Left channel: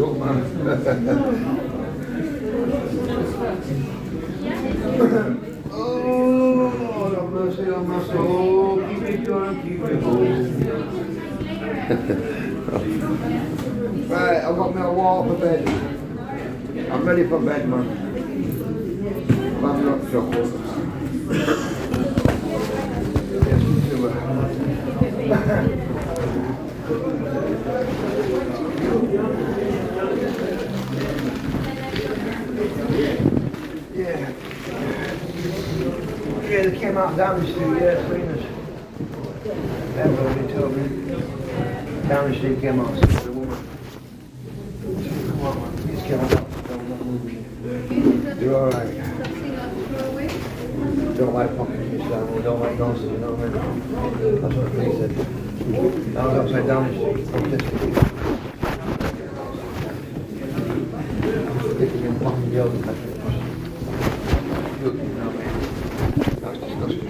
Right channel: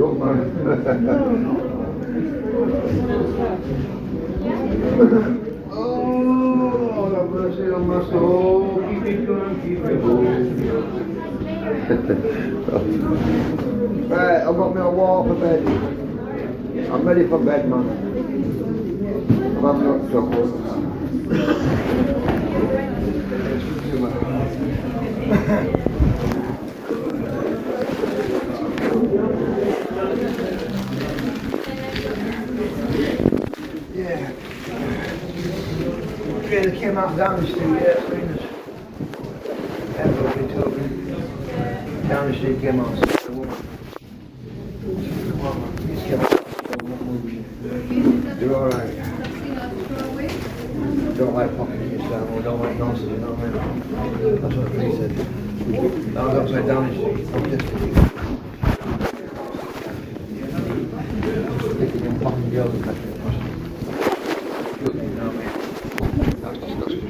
Oh, have mercy on my soul. Keep it going, keep it going. Right, I've got my wall for bed. I'm ready for bed, man. I'm not chocolate. Yeah. Yeah, they came out down the street, yeah, swingers. That's what they told me. Down the street came out, the woman. Please get out. You're alright. Don't like popping things down, we don't like nonsense, you know what I mean? That's what he said. I was upside down the street. They could be popping the other back. Look, you know, that's disgusting.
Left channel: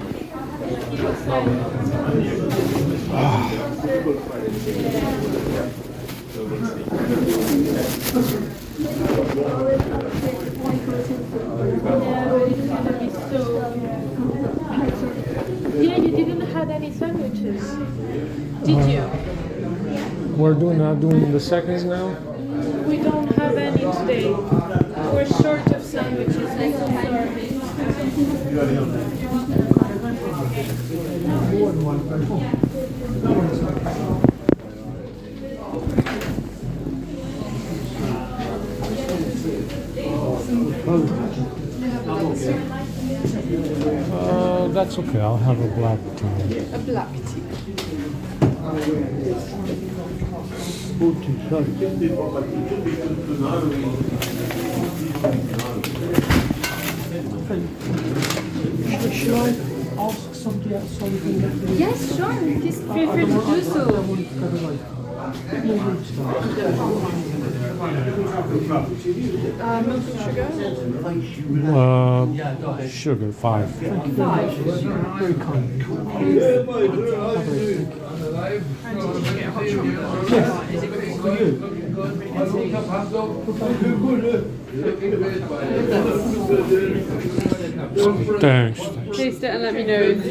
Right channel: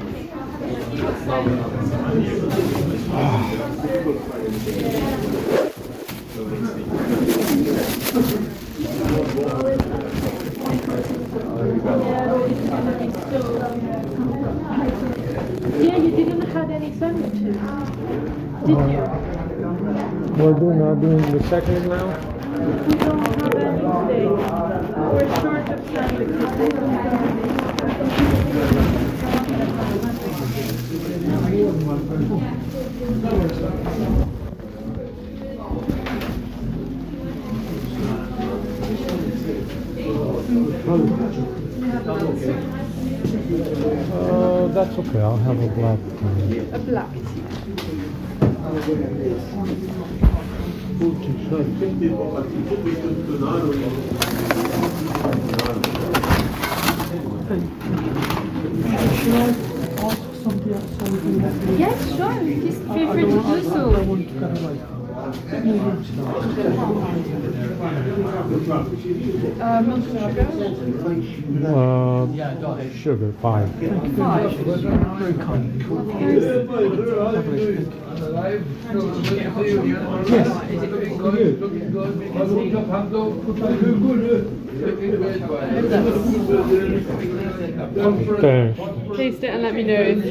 Yeah, you didn't have any sandwiches, did you? We're doing the seconds now? We don't have any today. We're short of sandwiches. That's okay, I'll have a black tea. A black tea. Should I ask somebody else so we can get the... Yes, sure. Just feel free to do so. I want to kind of like... Maybe we'll start. Milk and Sugar, sugar? 5. Thank you very kind. Thanks. Taste it and let me know if you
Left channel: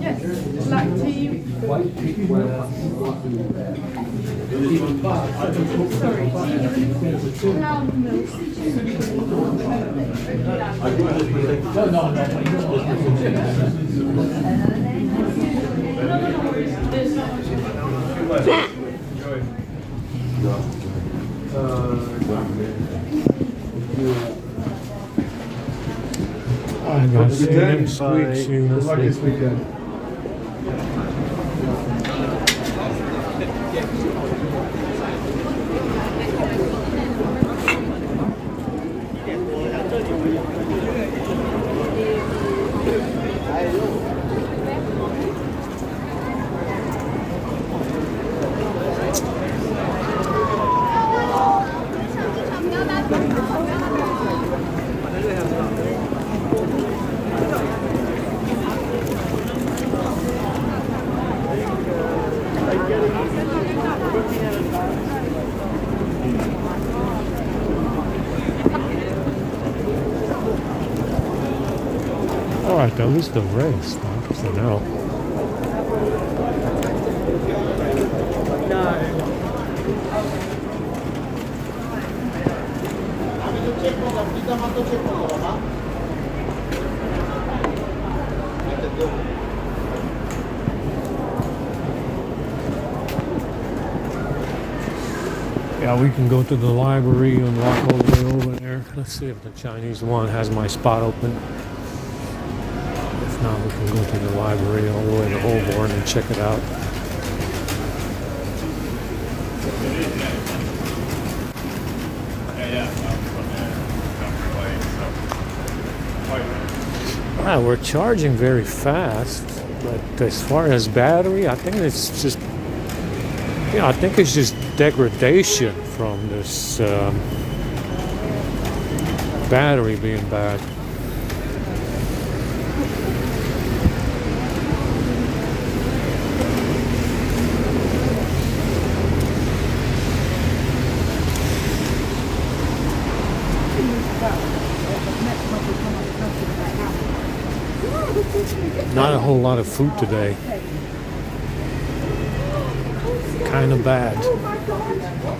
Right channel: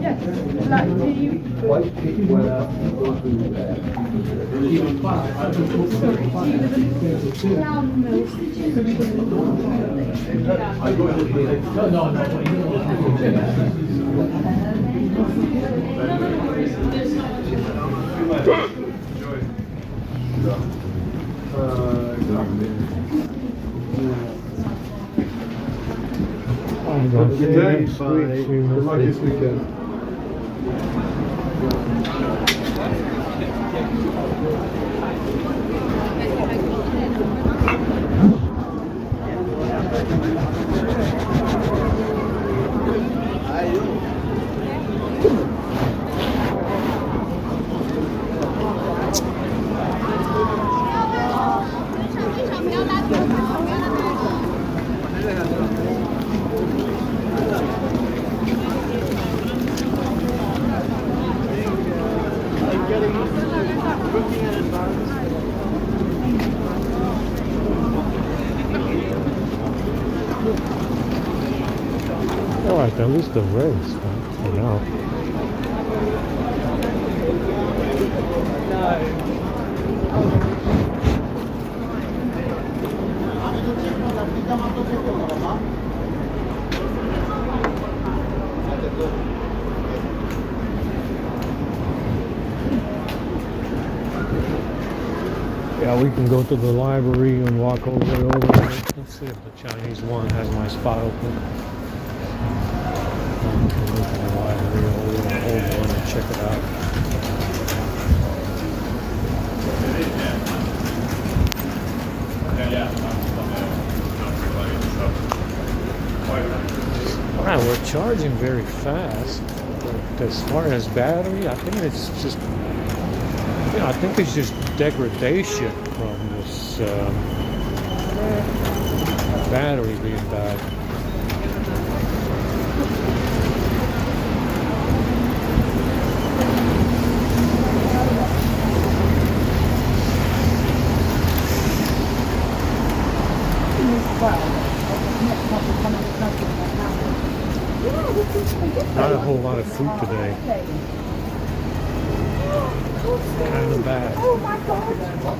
Yes, black tea. Like this weekend. Alright, that was the race for now. Yeah, we can go to the library and walk over there. Let's see if the Chinese one has my spot open. If not, we can go to the library or the old one and check it out. Wow, we're charging very fast. But as far as battery, I think it's just, yeah, I think it's just degradation from this battery being bad. Not a whole lot of fruit today. Kind of bad. Oh my god!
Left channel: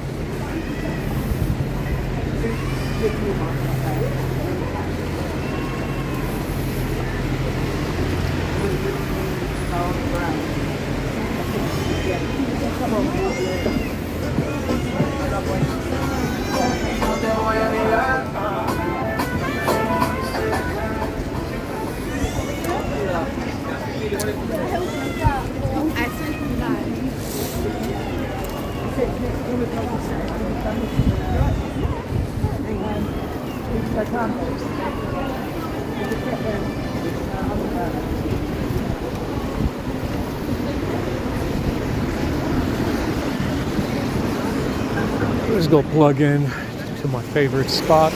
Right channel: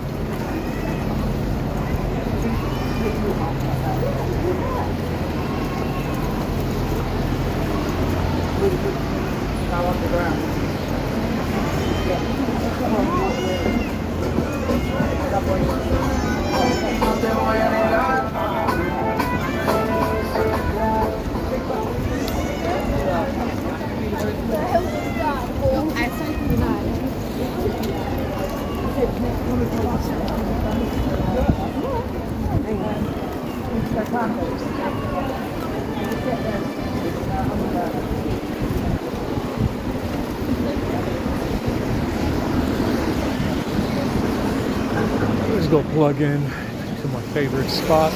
Let's go plug in to my favorite spot.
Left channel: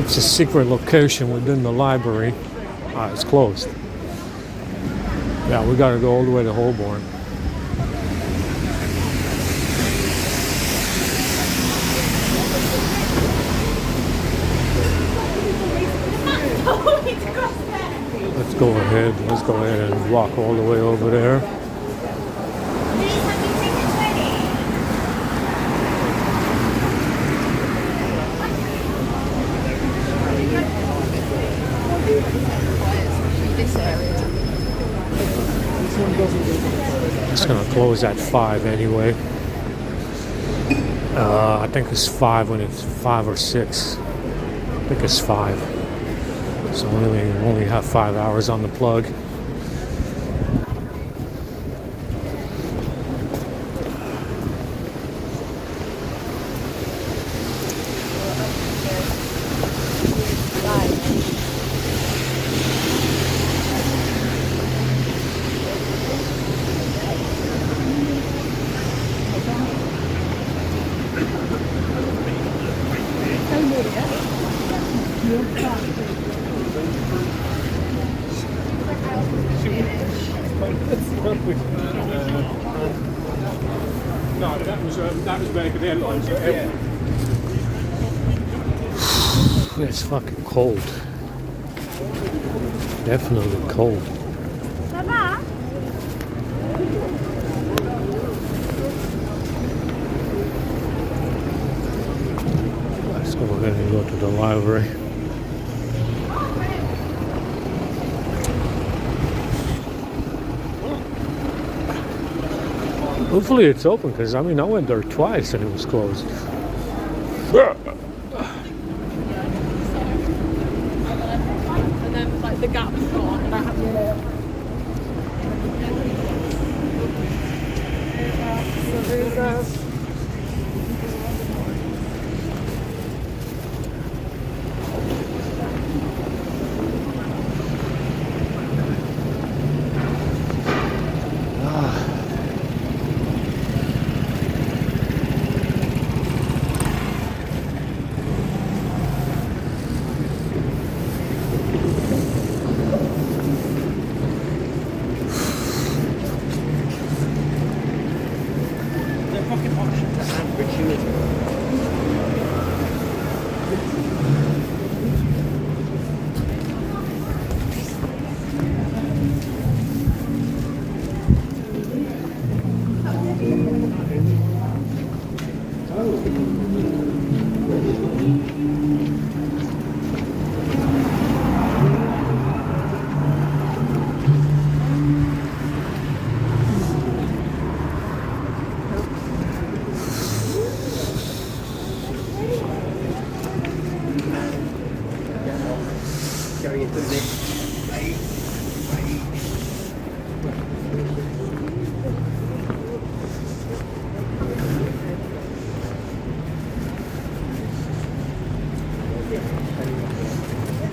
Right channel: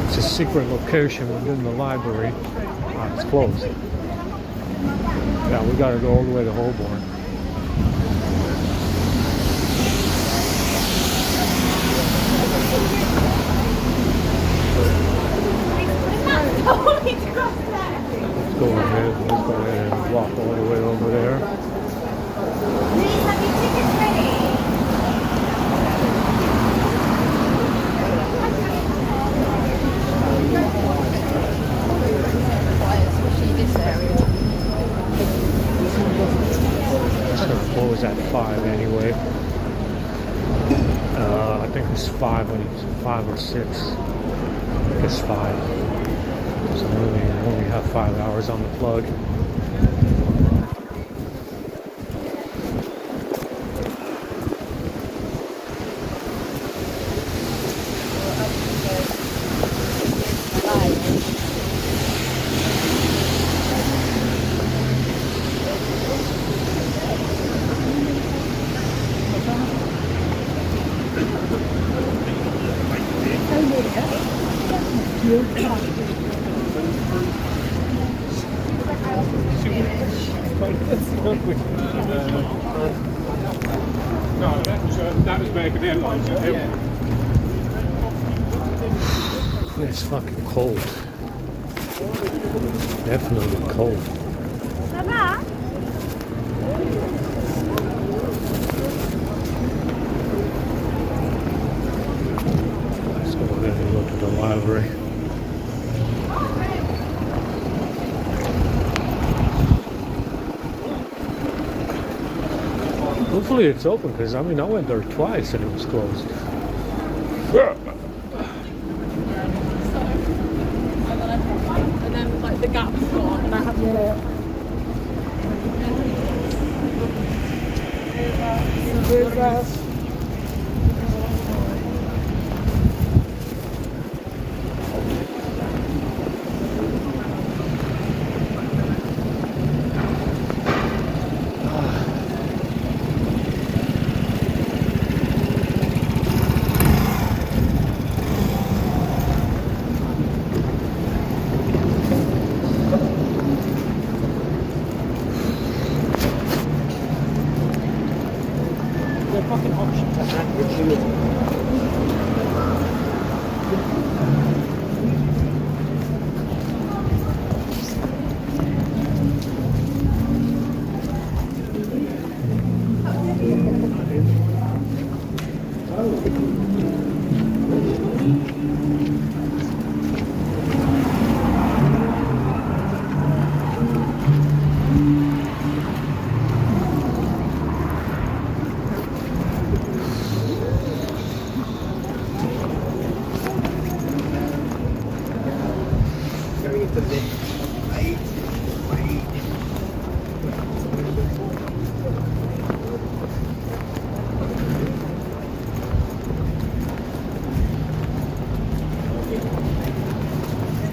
It's a secret location within the library. It's closed. Yeah, we gotta go all the way to Holborn. Let's go ahead and walk all the way over there. It's gonna close at 5 anyway. I think it's 5 when it's 5 or 6. I think it's 5. So we only have 5 hours on the plug. No, that was where the airlines were. It's fucking cold. Definitely cold. Let's go ahead and go to the library. Hopefully it's open, because I went there twice and it was closed. And then like the gap's gone and I have to fucking option to add gratuity.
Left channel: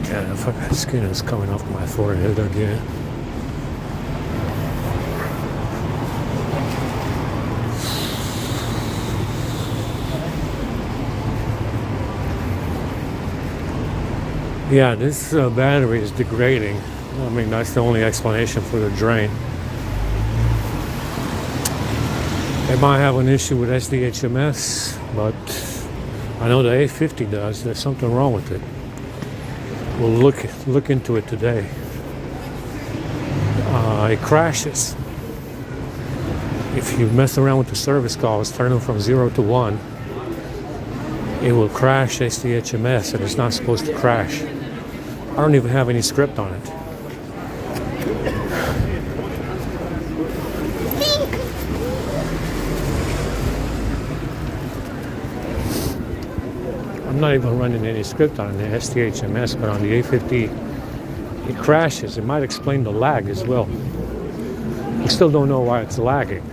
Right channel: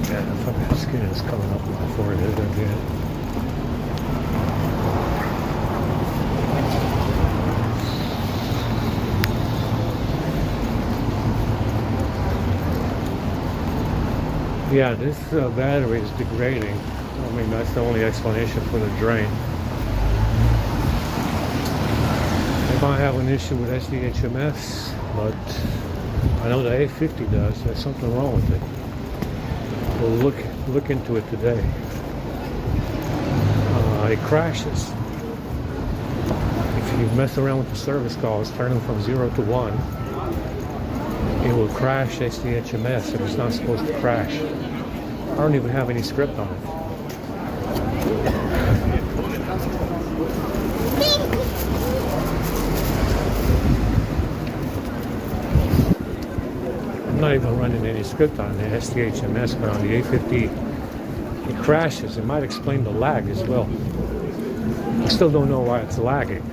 Yeah, the fucking skin is coming off my forehead again. Yeah, this battery is degrading. I mean, that's the only explanation for the drain. They might have an issue with SDHMS, but I know the A50 does. There's something wrong with it. We'll look into it today. It crashes. If you mess around with the service calls, turn them from 0 to 1, it will crash SDHMS, and it's not supposed to crash. I don't even have any script on it. I'm not even running any script on the SDHMS, but on the A50, it crashes. It might explain the lag as well. I still don't know why it's lagging.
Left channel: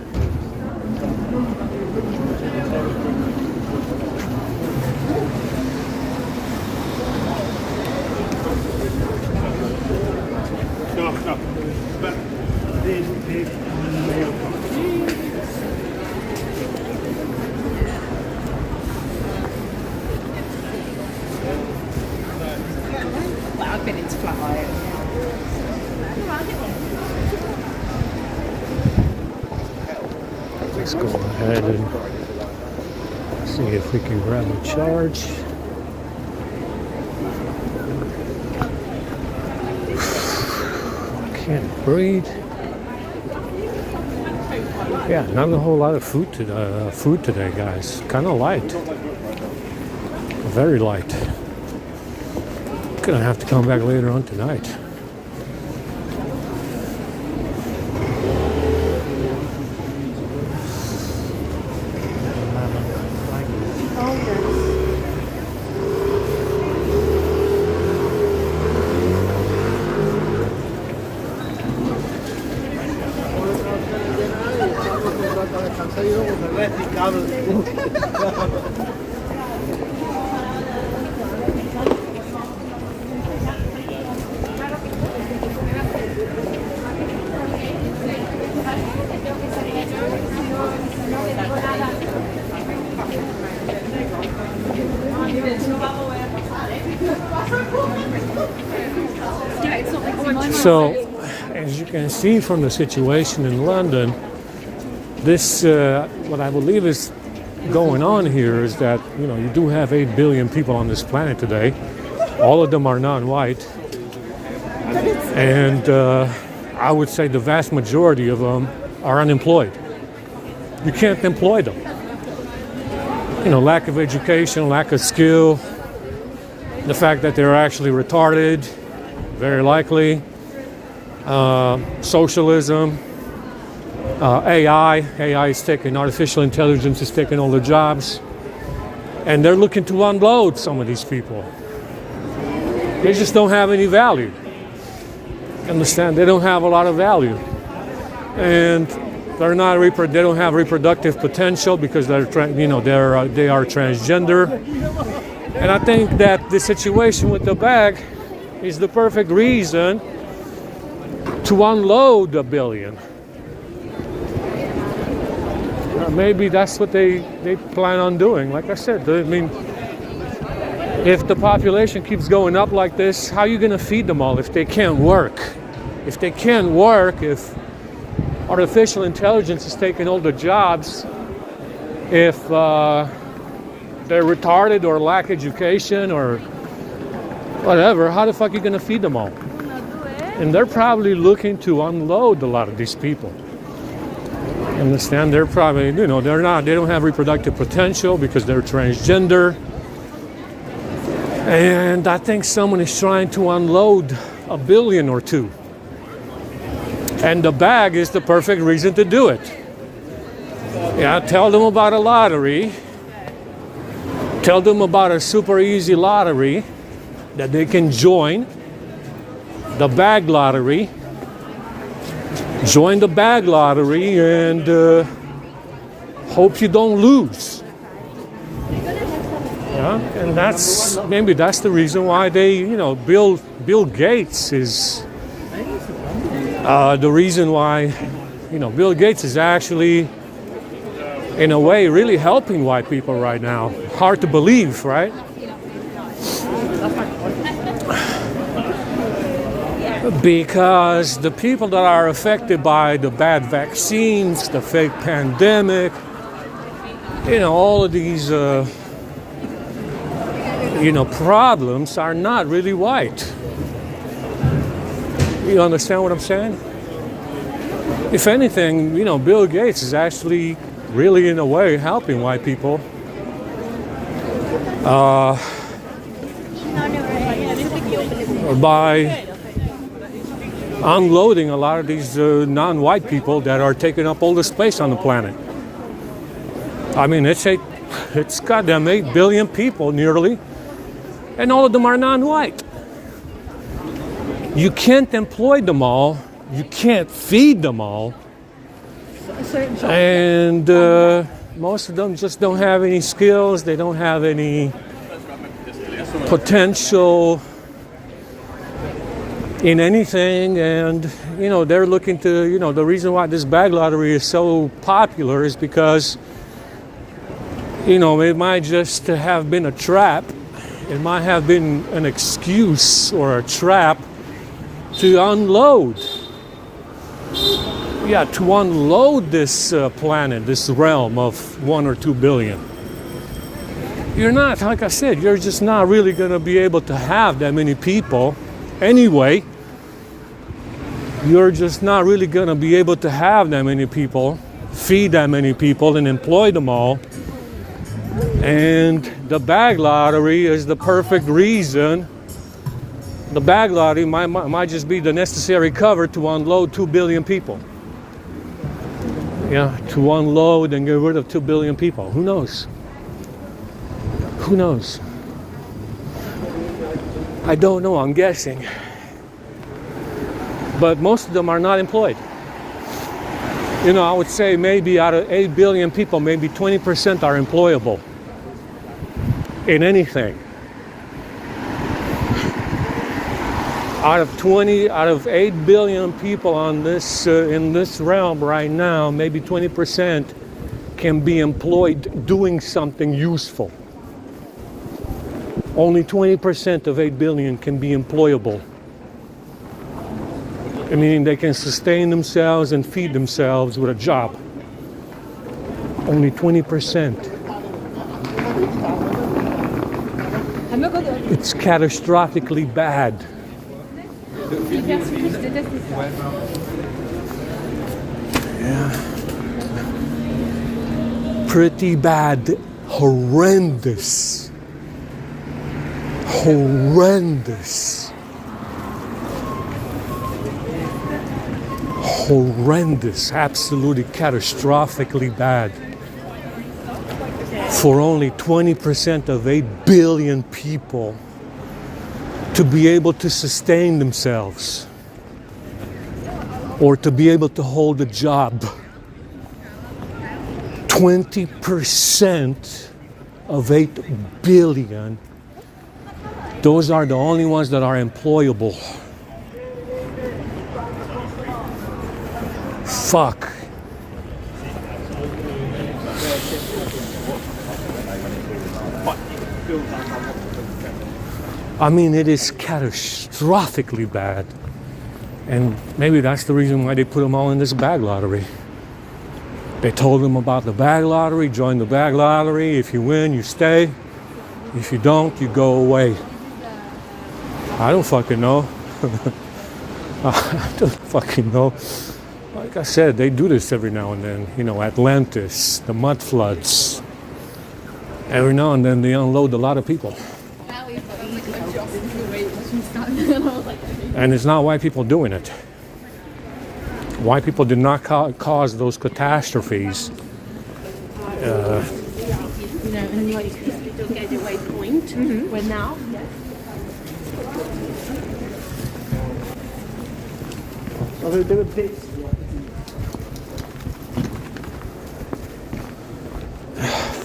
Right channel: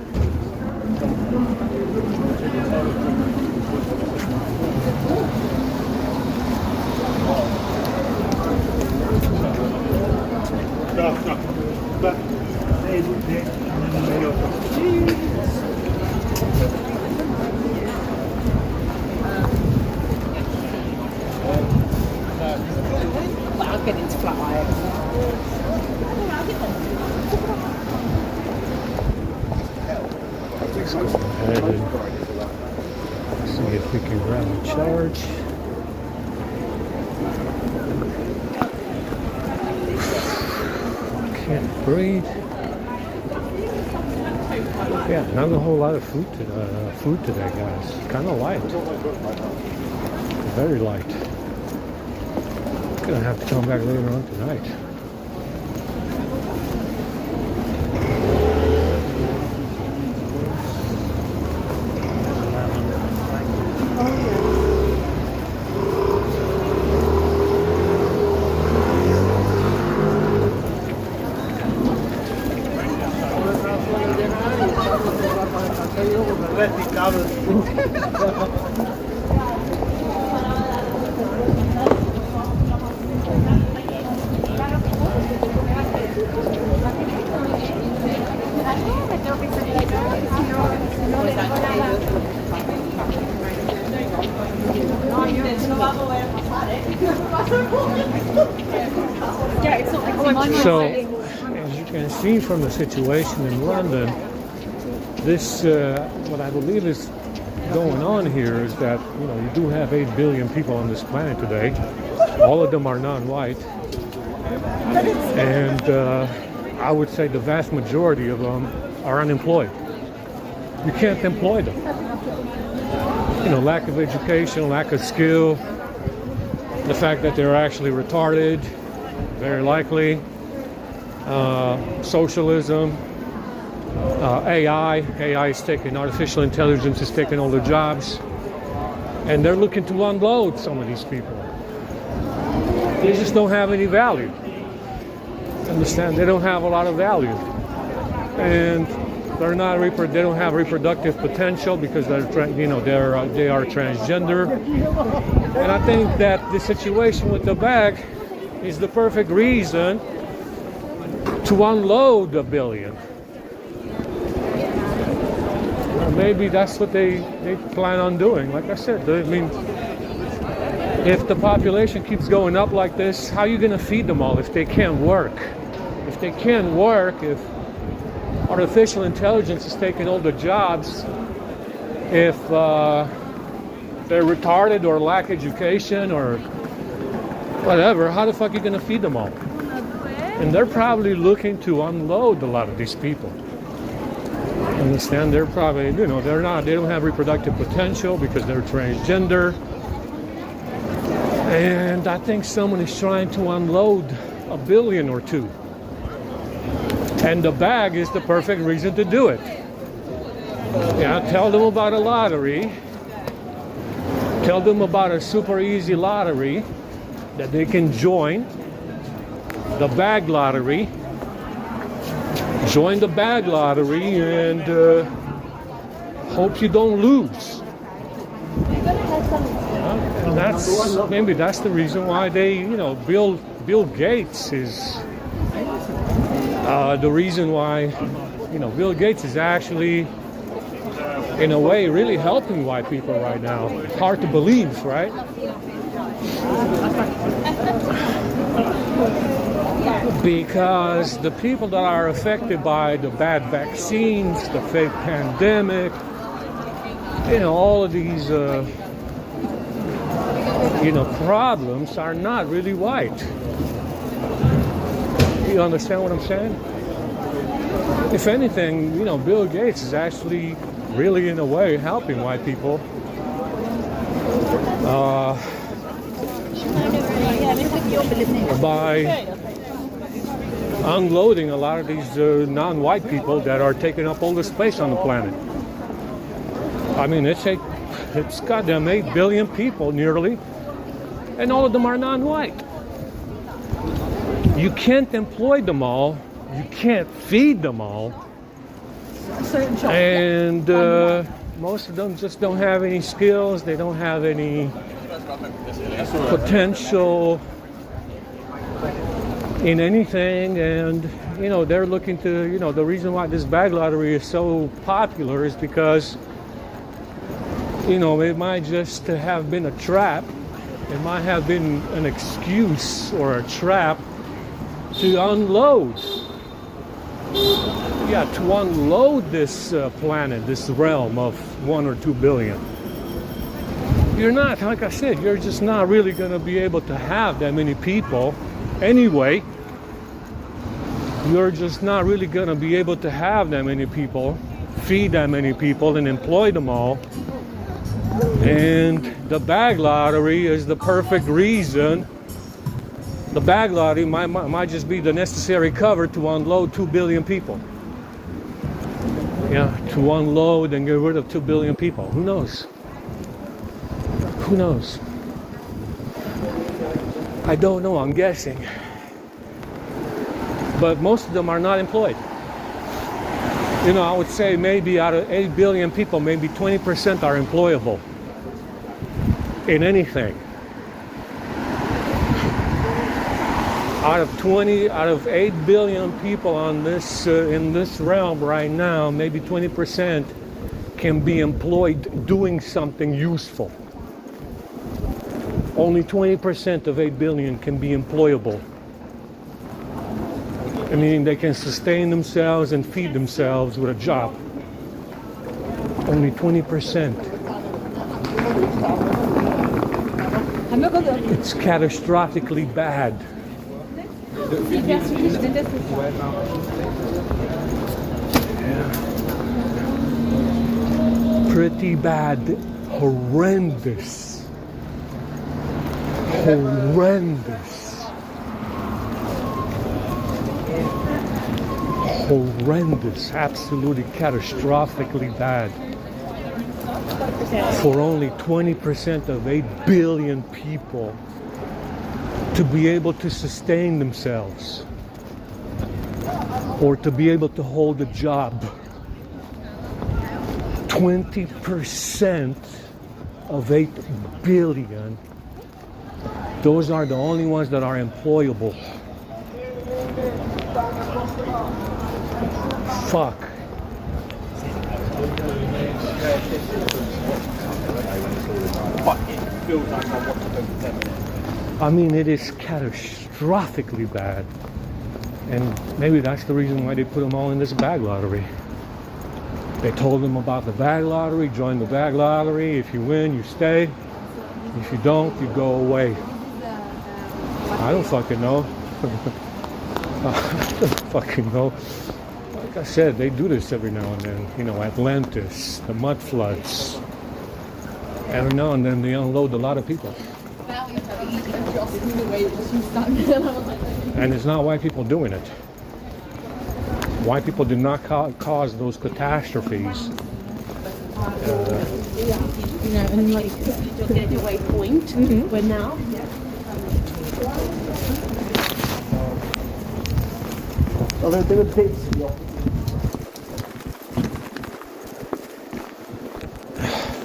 I've been into flat iron. Let's go ahead and see if we can grab a charge. Can't breathe. Yeah, not a whole lot of food today, guys. Kind of light. Very light. Gonna have to come back later on tonight. So, as you can see from the situation in London, this, what I believe is going on here is that, you do have 8 billion people on this planet today. All of them are non-white. And I would say the vast majority of them are unemployed. You can't employ them. Lack of education, lack of skill, the fact that they're actually retarded, very likely. Socialism, AI is taking, artificial intelligence is taking all the jobs, and they're looking to unload some of these people. They just don't have any value. Understand? They don't have a lot of value, and they're not they don't have reproductive potential because they are transgender. And I think that the situation with the bag is the perfect reason to unload 1 billion. Maybe that's what they plan on doing. Like I said, I mean, if the population keeps going up like this, how are you going to feed them all if they can't work? If they can't work, if artificial intelligence is taking all the jobs, if they're retarded or lack education or whatever, how the fuck are you going to feed them all? And they're probably looking to unload a lot of these people. Understand? They're probably, they don't have reproductive potential because they're transgender. And I think someone is trying to unload 1 billion or 2. And the bag is the perfect reason to do it. Yeah, tell them about a lottery. Tell them about a super easy lottery that they can join. The bag lottery. Join the bag lottery and hope you don't lose. Yeah, and maybe that's the reason why they, Bill Gates is the reason why, Bill Gates is actually, in a way, really helping white people right now. Hard to believe, right? Because the people that are affected by the bad vaccines, the fake pandemic, all of these, problems are not really white. You understand what I'm saying? If anything, Bill Gates is actually really, in a way, helping white people. By unloading a lot of these non-white people that are taking up all the space on the planet. I mean, it's goddamn 8 billion people nearly, and all of them are non-white. You can't employ them all. You can't feed them all. And most of them just don't have any skills. They don't have any potential in anything. And, they're looking to, the reason why this bag lottery is so popular is because, it might just have been a trap. It might have been an excuse or a trap to unload. Yeah, to unload this planet, this realm of 1 or 2 billion. You're not, like I said, you're just not really going to be able to have that many people anyway. You're just not really going to be able to have that many people, feed that many people, and employ them all. And the bag lottery is the perfect reason. The bag lottery might just be the necessary cover to unload 2 billion people. Yeah, to unload and get rid of 2 billion people. Who knows? Who knows? I don't know, I'm guessing. But most of them are not employed. I would say maybe out of 8 billion people, maybe 20% are employable in anything. Out of 8 billion people on this in this realm right now, maybe 20% can be employed doing something useful. Only 20% of 8 billion can be employable. I mean, they can sustain themselves and feed themselves with a job. Only 20%. It's catastrophically bad. Pretty bad. Horrendous. Horrendous. Horrendous. Absolutely catastrophically bad. For only 20% of 8 billion people to be able to sustain themselves or to be able to hold a job. 20% of 8 billion, those are the only ones that are employable. Fuck. I mean, it is catastrophically bad. And maybe that's the reason why they put them all in this bag lottery. They told them about the bag lottery, join the bag lottery. If you win, you stay. If you don't, you go away. I don't fucking know. I don't fucking know. Like I said, they do this every now and then. Atlantis, the mud floods. Every now and then they unload a lot of people. And it's not white people doing it. White people did not cause those catastrophes. And like the getaway point, where now. Although there were bits.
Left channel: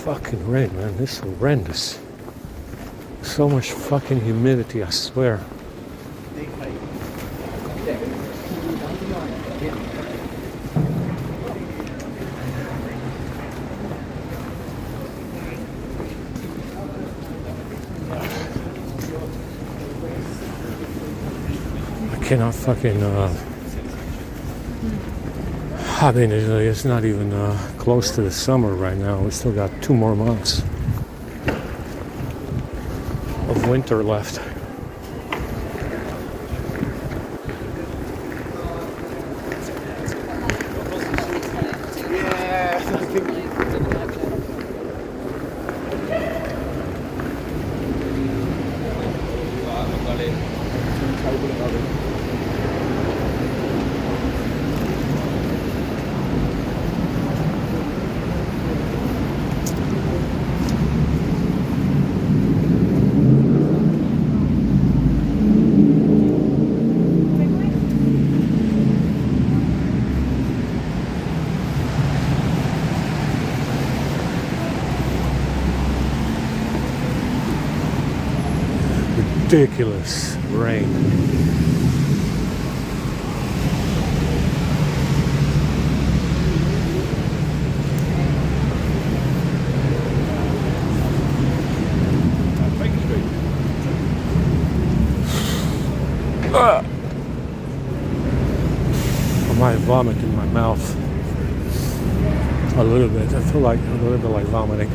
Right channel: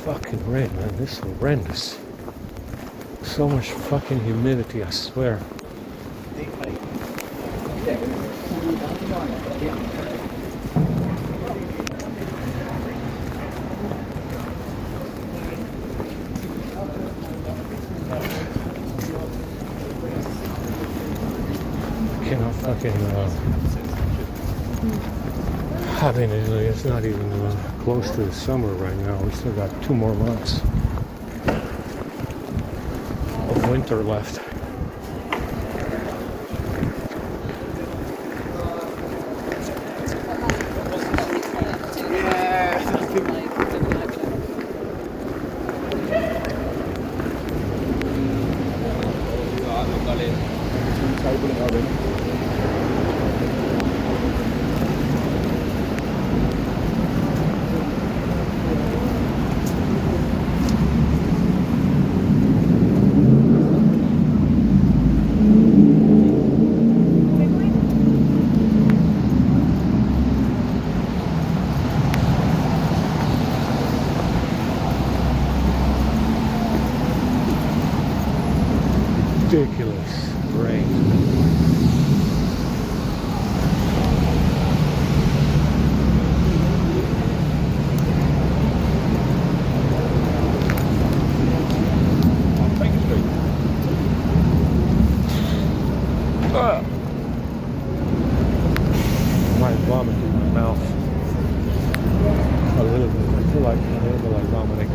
Fucking rain, man. This is horrendous. So much fucking humidity, I swear. I cannot fucking. I mean, it's not even close to the summer right now. We still got 2 more months of winter left. Ridiculous rain. I might vomit in my mouth a little bit. I feel like a little bit like vomiting.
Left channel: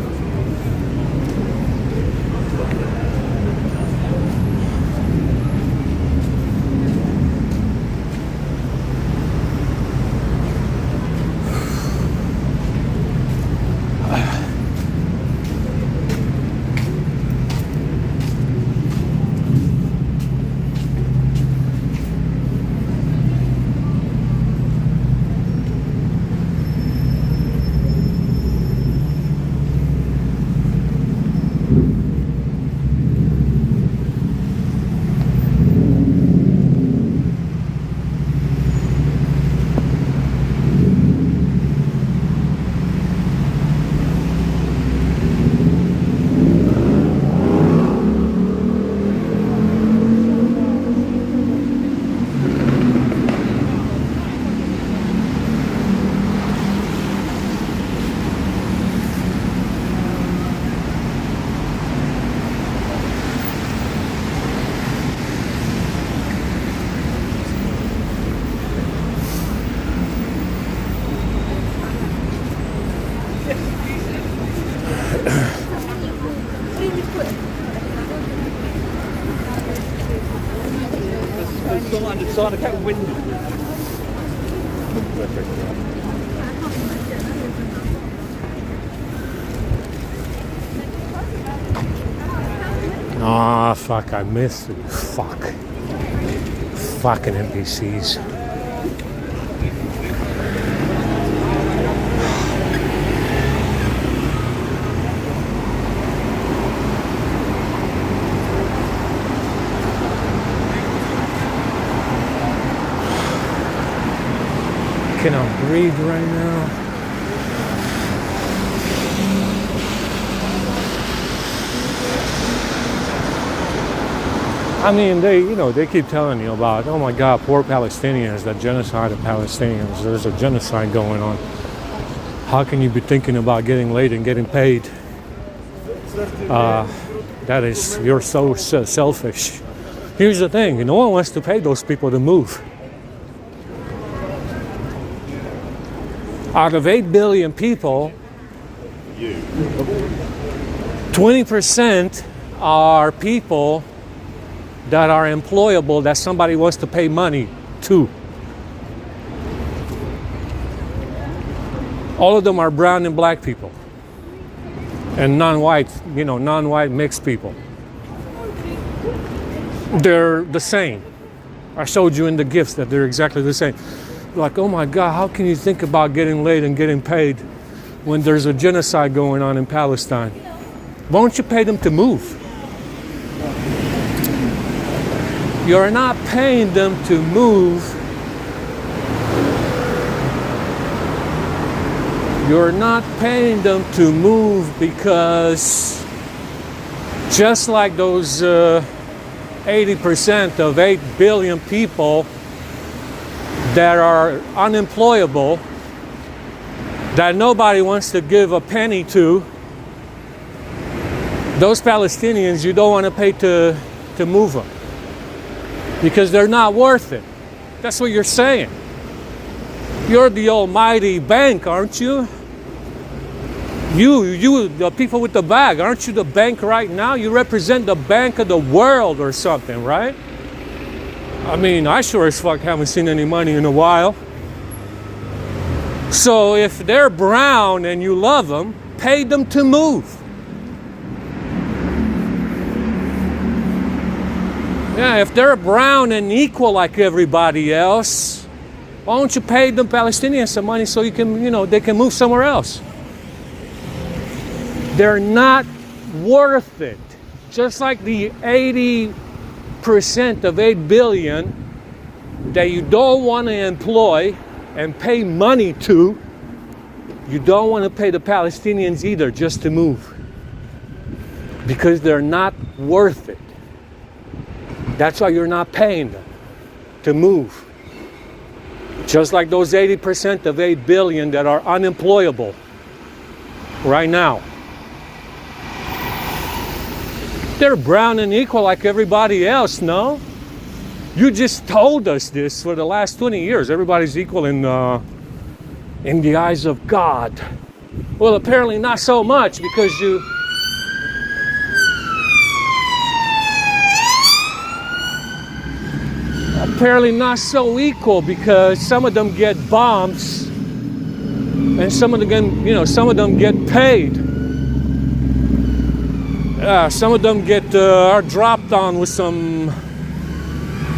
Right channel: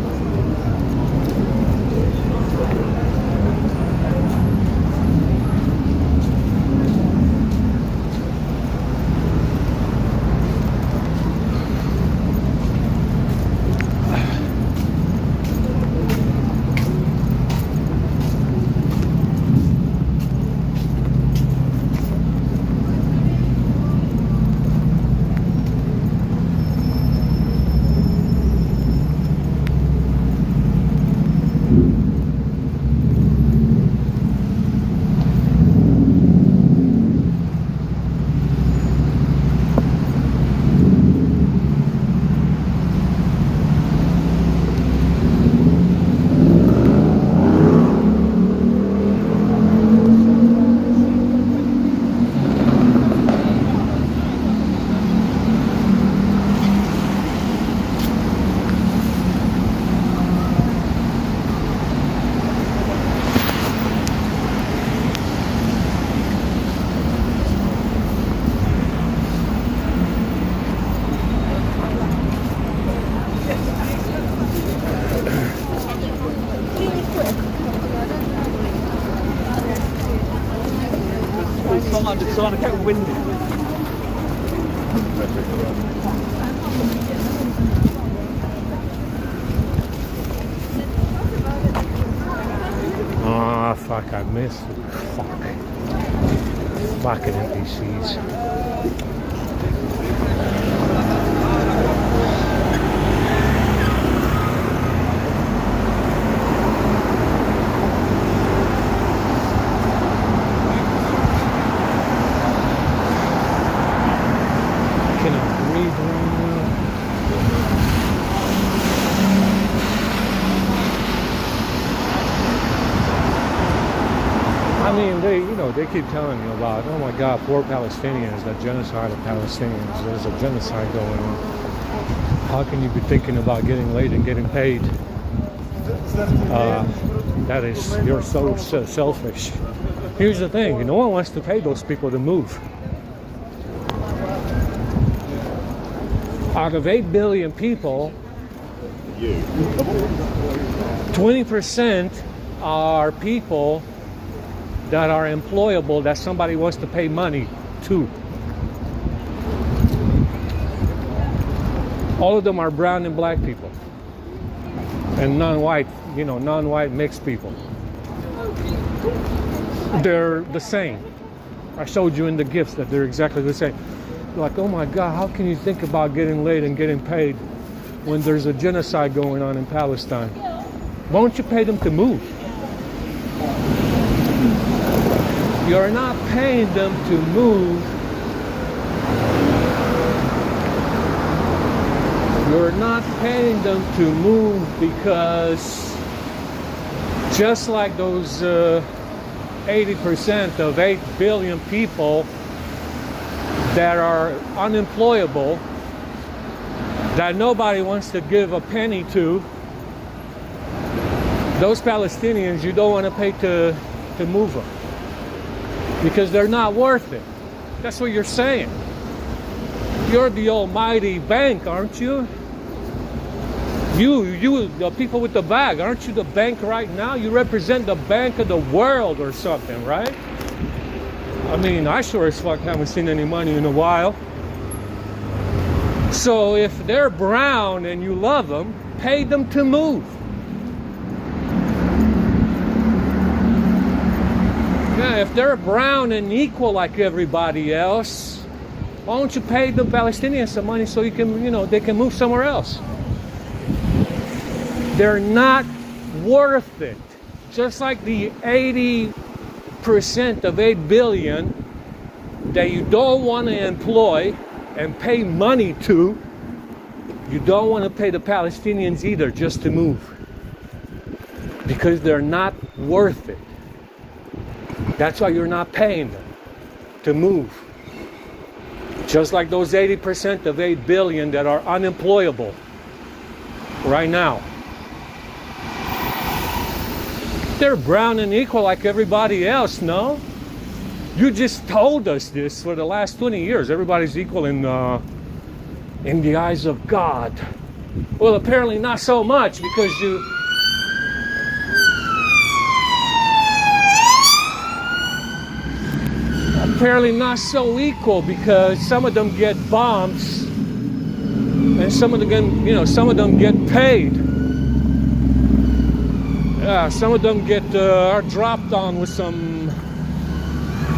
It's on a kind of windy. Oh, fuck, I missed it. Fuck. Fucking NPCs. Can I breathe right now? I mean, they keep telling you about, oh my God, poor Palestinians, the genocide of Palestinians. There's a genocide going on. How can you be thinking about getting laid and getting paid? You're so selfish. Here's the thing, no one wants to pay those people to move. Out of 8 billion people, 20% are people that are employable that somebody wants to pay money to. All of them are brown and black people. And non-white, non-white mixed people. They're the same. I showed you in the gifts that they're exactly the same. Like, oh my God, how can you think about getting laid and getting paid when there's a genocide going on in Palestine? Why don't you pay them to move? You're not paying them to move. You're not paying them to move because just like those 80% of 8 billion people that are unemployable, that nobody wants to give a penny to, those Palestinians you don't want to pay to move them. because they're not worth it. That's what you're saying. You're the almighty bank, aren't you? You, the people with the bag, aren't you the bank right now? You represent the bank of the world or something, right? I mean, I sure as fuck haven't seen any money in a while. So if they're brown and you love them, pay them to move. Yeah, if they're brown and equal like everybody else, why don't you pay the Palestinians some money so you can, they can move somewhere else? They're not worth it. Just like the 80% of 8 billion that you don't want to employ and pay money to, you don't want to pay the Palestinians either just to move. Because they're not worth it. That's why you're not paying them to move. Just like those 80% of 8 billion that are unemployable right now. They're brown and equal like everybody else, no? You just told us this for the last 20 years. Everybody's equal in the eyes of God. Well, apparently not so much because you... Apparently not so equal because some of them get bombs and some of them, some of them get paid. Some of them are dropped on with some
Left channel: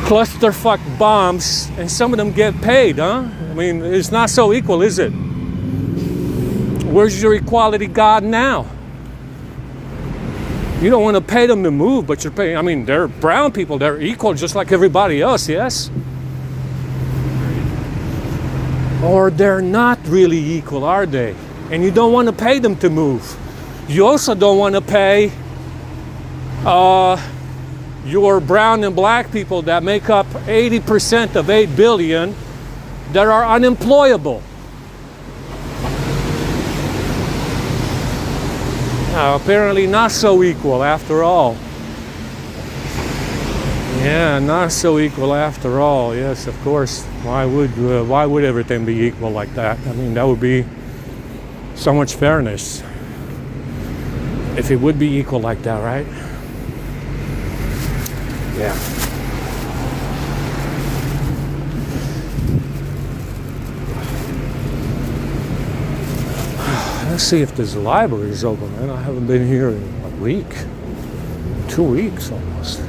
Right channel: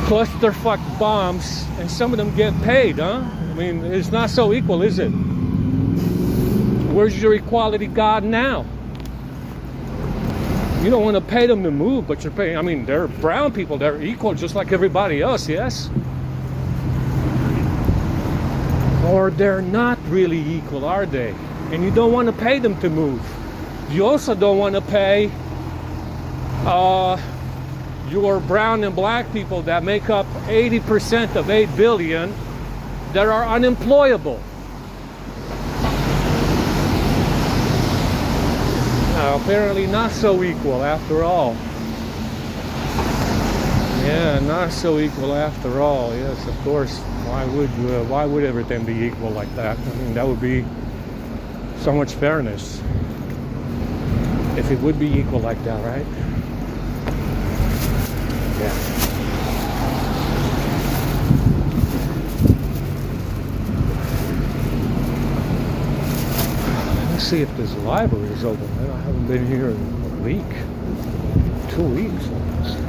clusterfuck bombs, and some of them get paid, huh? I mean, it's not so equal, is it? Where's your equality God now? You don't want to pay them to move, but you're paying. I mean, they're brown people. They're equal just like everybody else, yes? Or they're not really equal, are they? And you don't want to pay them to move. You also don't want to pay your brown and black people that make up 80% of 8 billion that are unemployable. Apparently not so equal after all. Yeah, not so equal after all. Yes, of course. Why would everything be equal like that? I mean, that would be so much fairness if it would be equal like that, right? Yeah. Let's see if this library is open. I haven't been here in a week. 2 weeks almost.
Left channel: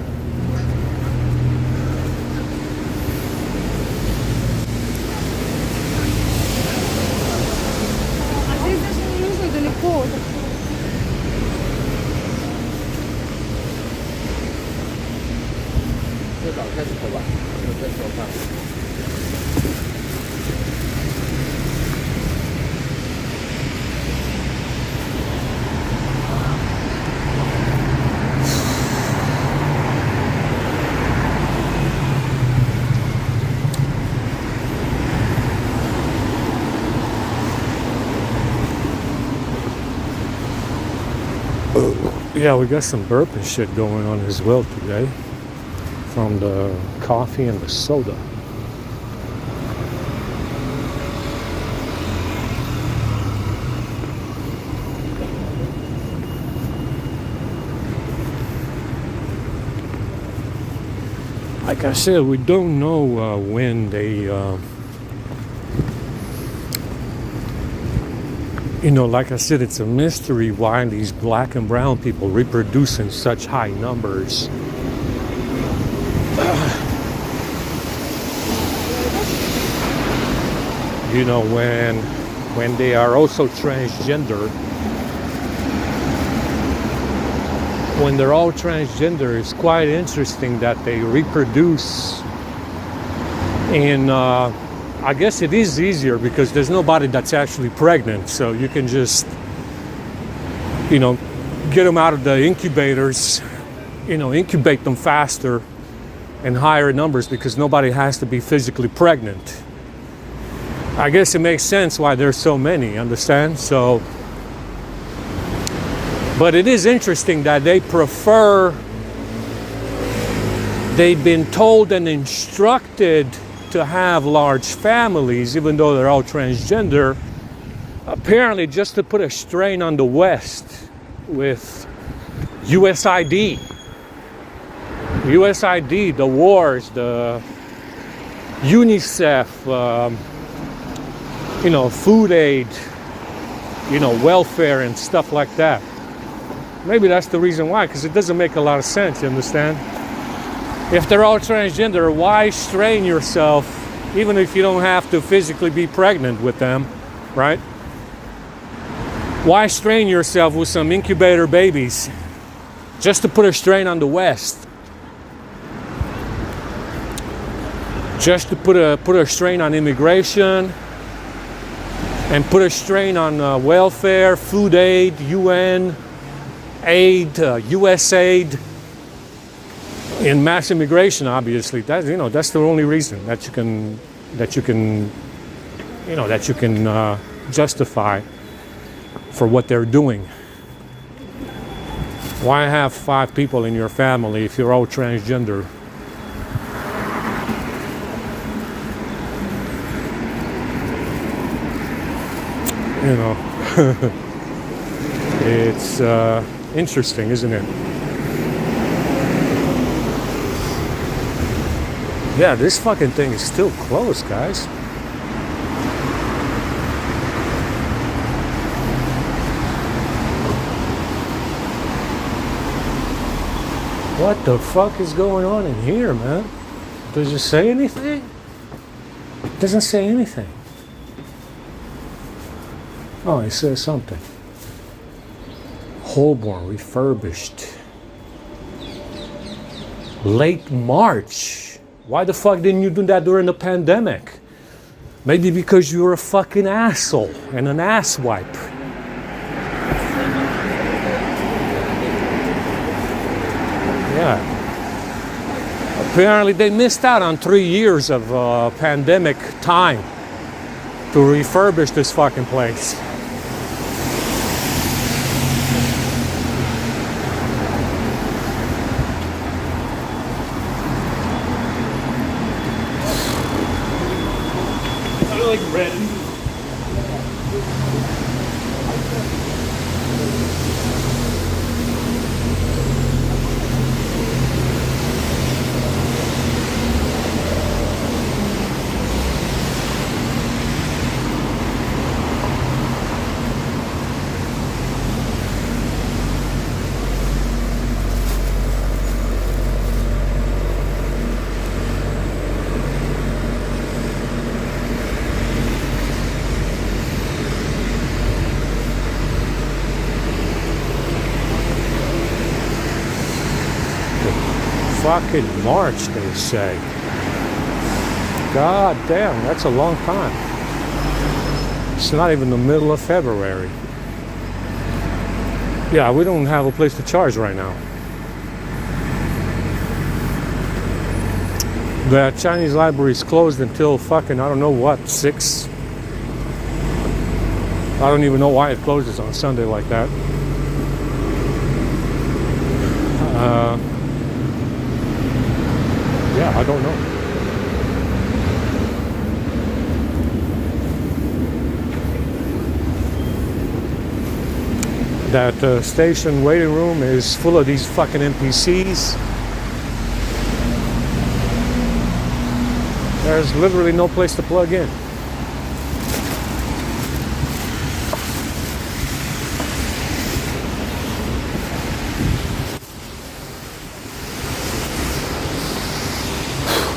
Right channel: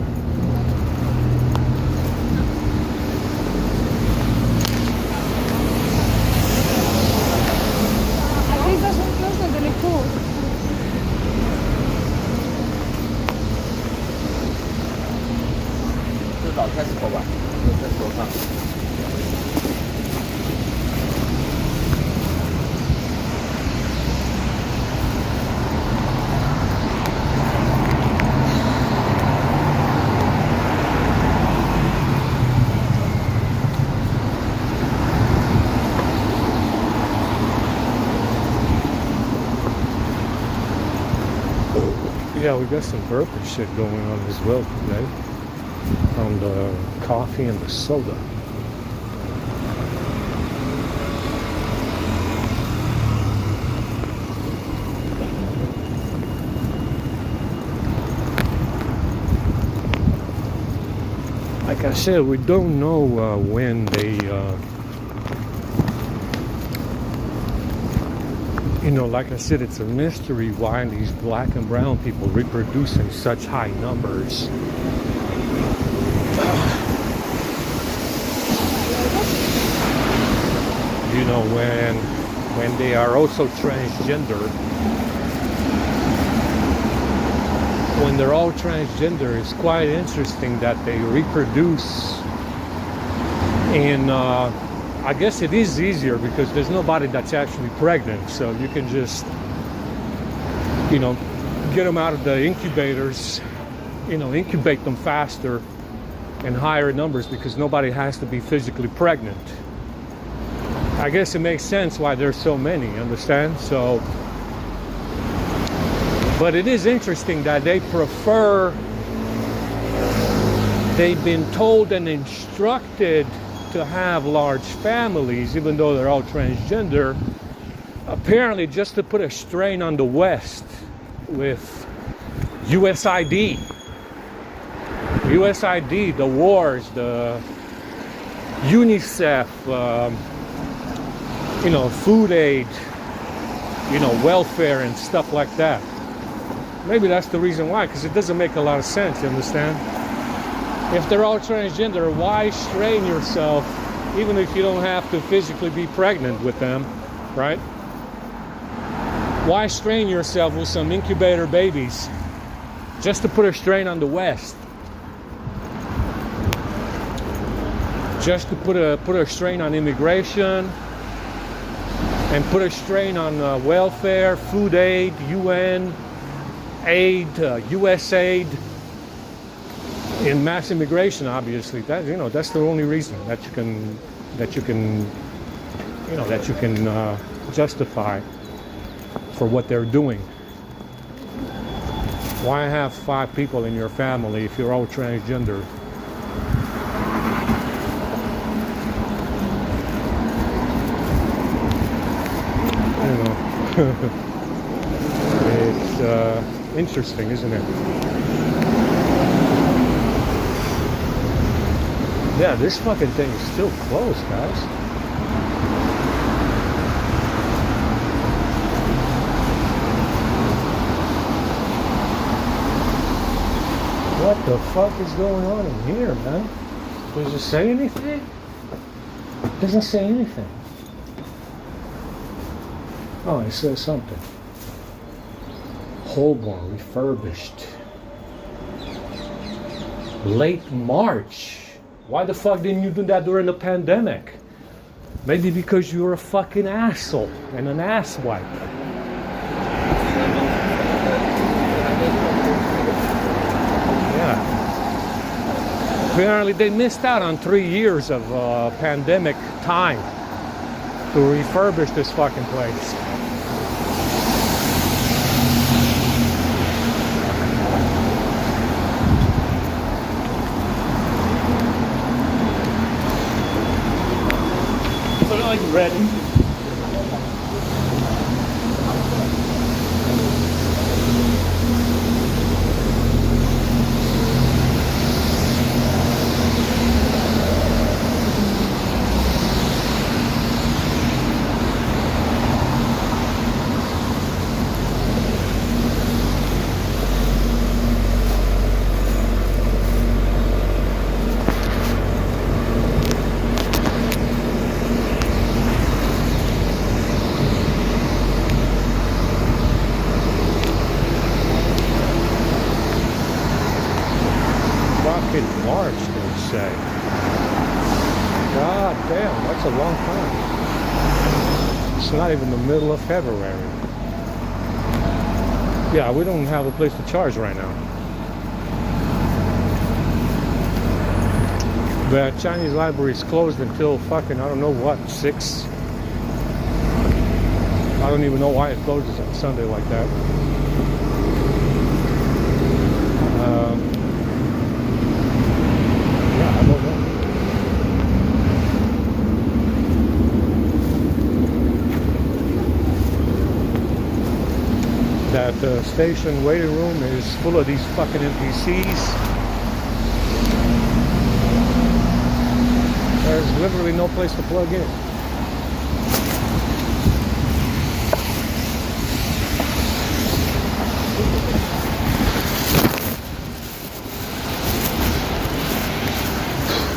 Yeah, we got some burping shit going on as well today from the coffee and the soda. Like I said, we don't know when they like I said, it's a mystery why these black and brown people reproduce in such high numbers. When they are also transgender, when they're all transgender, it's quite interesting that they reproduce in I guess it is easier because there's nobody that's actually pregnant, so you can just, get them out of the incubators, incubate them faster in higher numbers because nobody has to be physically pregnant. I guess it makes sense why there's so many, understand? So, but it is interesting that they prefer they've been told and instructed to have large families, even though they're all transgender, apparently just to put a strain on the West with USID. USID, the wars, the UNICEF, food aid, welfare and stuff like that. Maybe that's the reason why, because it doesn't make a lot of sense, you understand? If they're all transgender, why strain yourself, even if you don't have to physically be pregnant with them, right? Why strain yourself with some incubator babies just to put a strain on the West? Just to put a strain on immigration and put a strain on welfare, food aid, UN aid, US aid, in mass immigration. Obviously, that's the only reason that you can justify for what they're doing. Why have 5 people in your family if you're all transgender? It's interesting, isn't it? Yeah, this fucking thing is still closed, guys. What the fuck is going on in here, man? Does it say anything? It doesn't say anything. Oh, it says something. Holborn refurbished. Late March. Why the fuck didn't you do that during the pandemic? Maybe because you're a fucking asshole and an asswipe. Yeah. Apparently they missed out on 3 years of pandemic time to refurbish this fucking place. I like red. March, they say. God damn, that's a long time. It's not even the middle of February. Yeah, we don't have a place to charge right now. The Chinese library is closed until fucking, I don't know what, 6? I don't even know why it closes on Sunday like that. That station waiting room is full of these fucking NPCs. There's literally no place to plug in.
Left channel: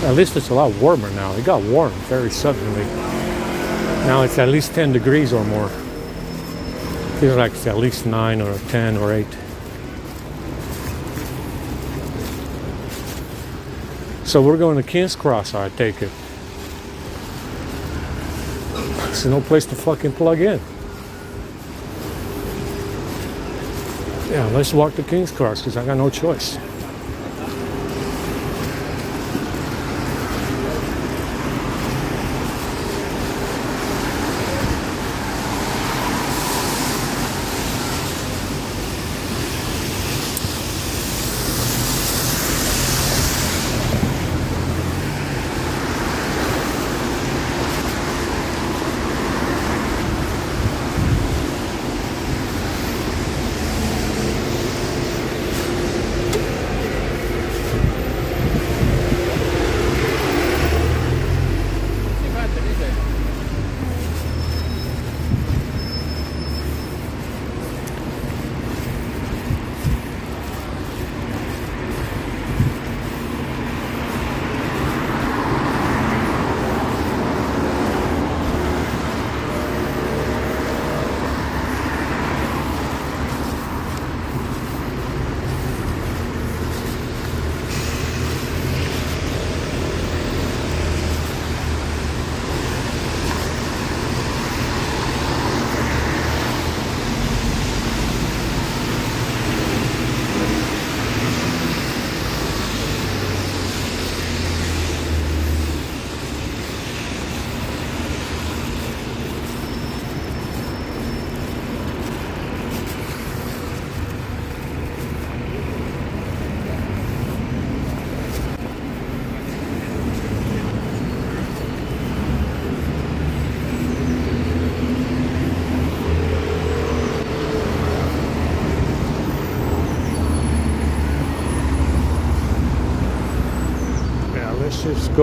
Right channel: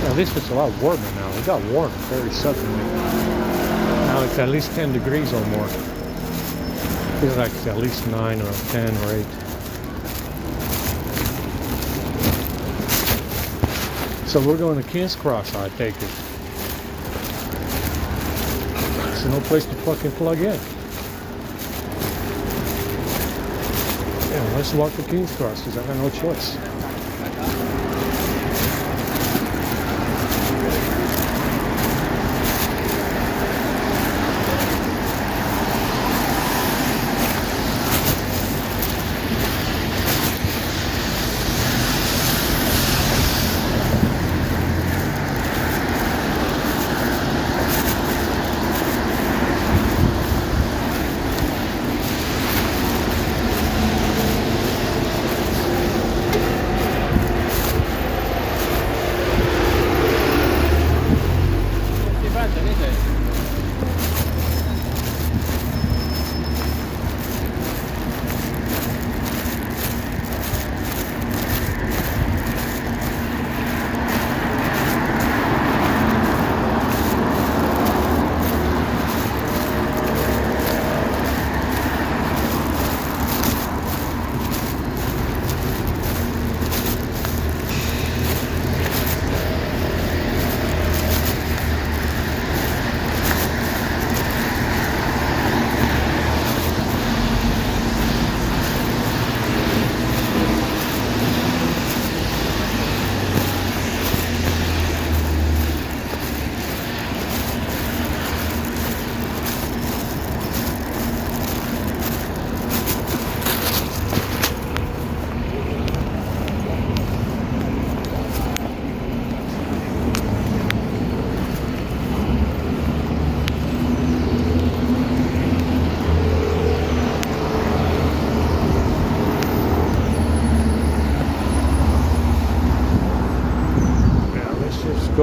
At least it's a lot warmer now. It got warm very suddenly. Now it's at least 10 degrees or more. Feels like it's at least 9 or 10 or 8. So we're going to King's Cross, I take it. There's no place to fucking plug in. Yeah, let's walk to King's Cross because I got no choice.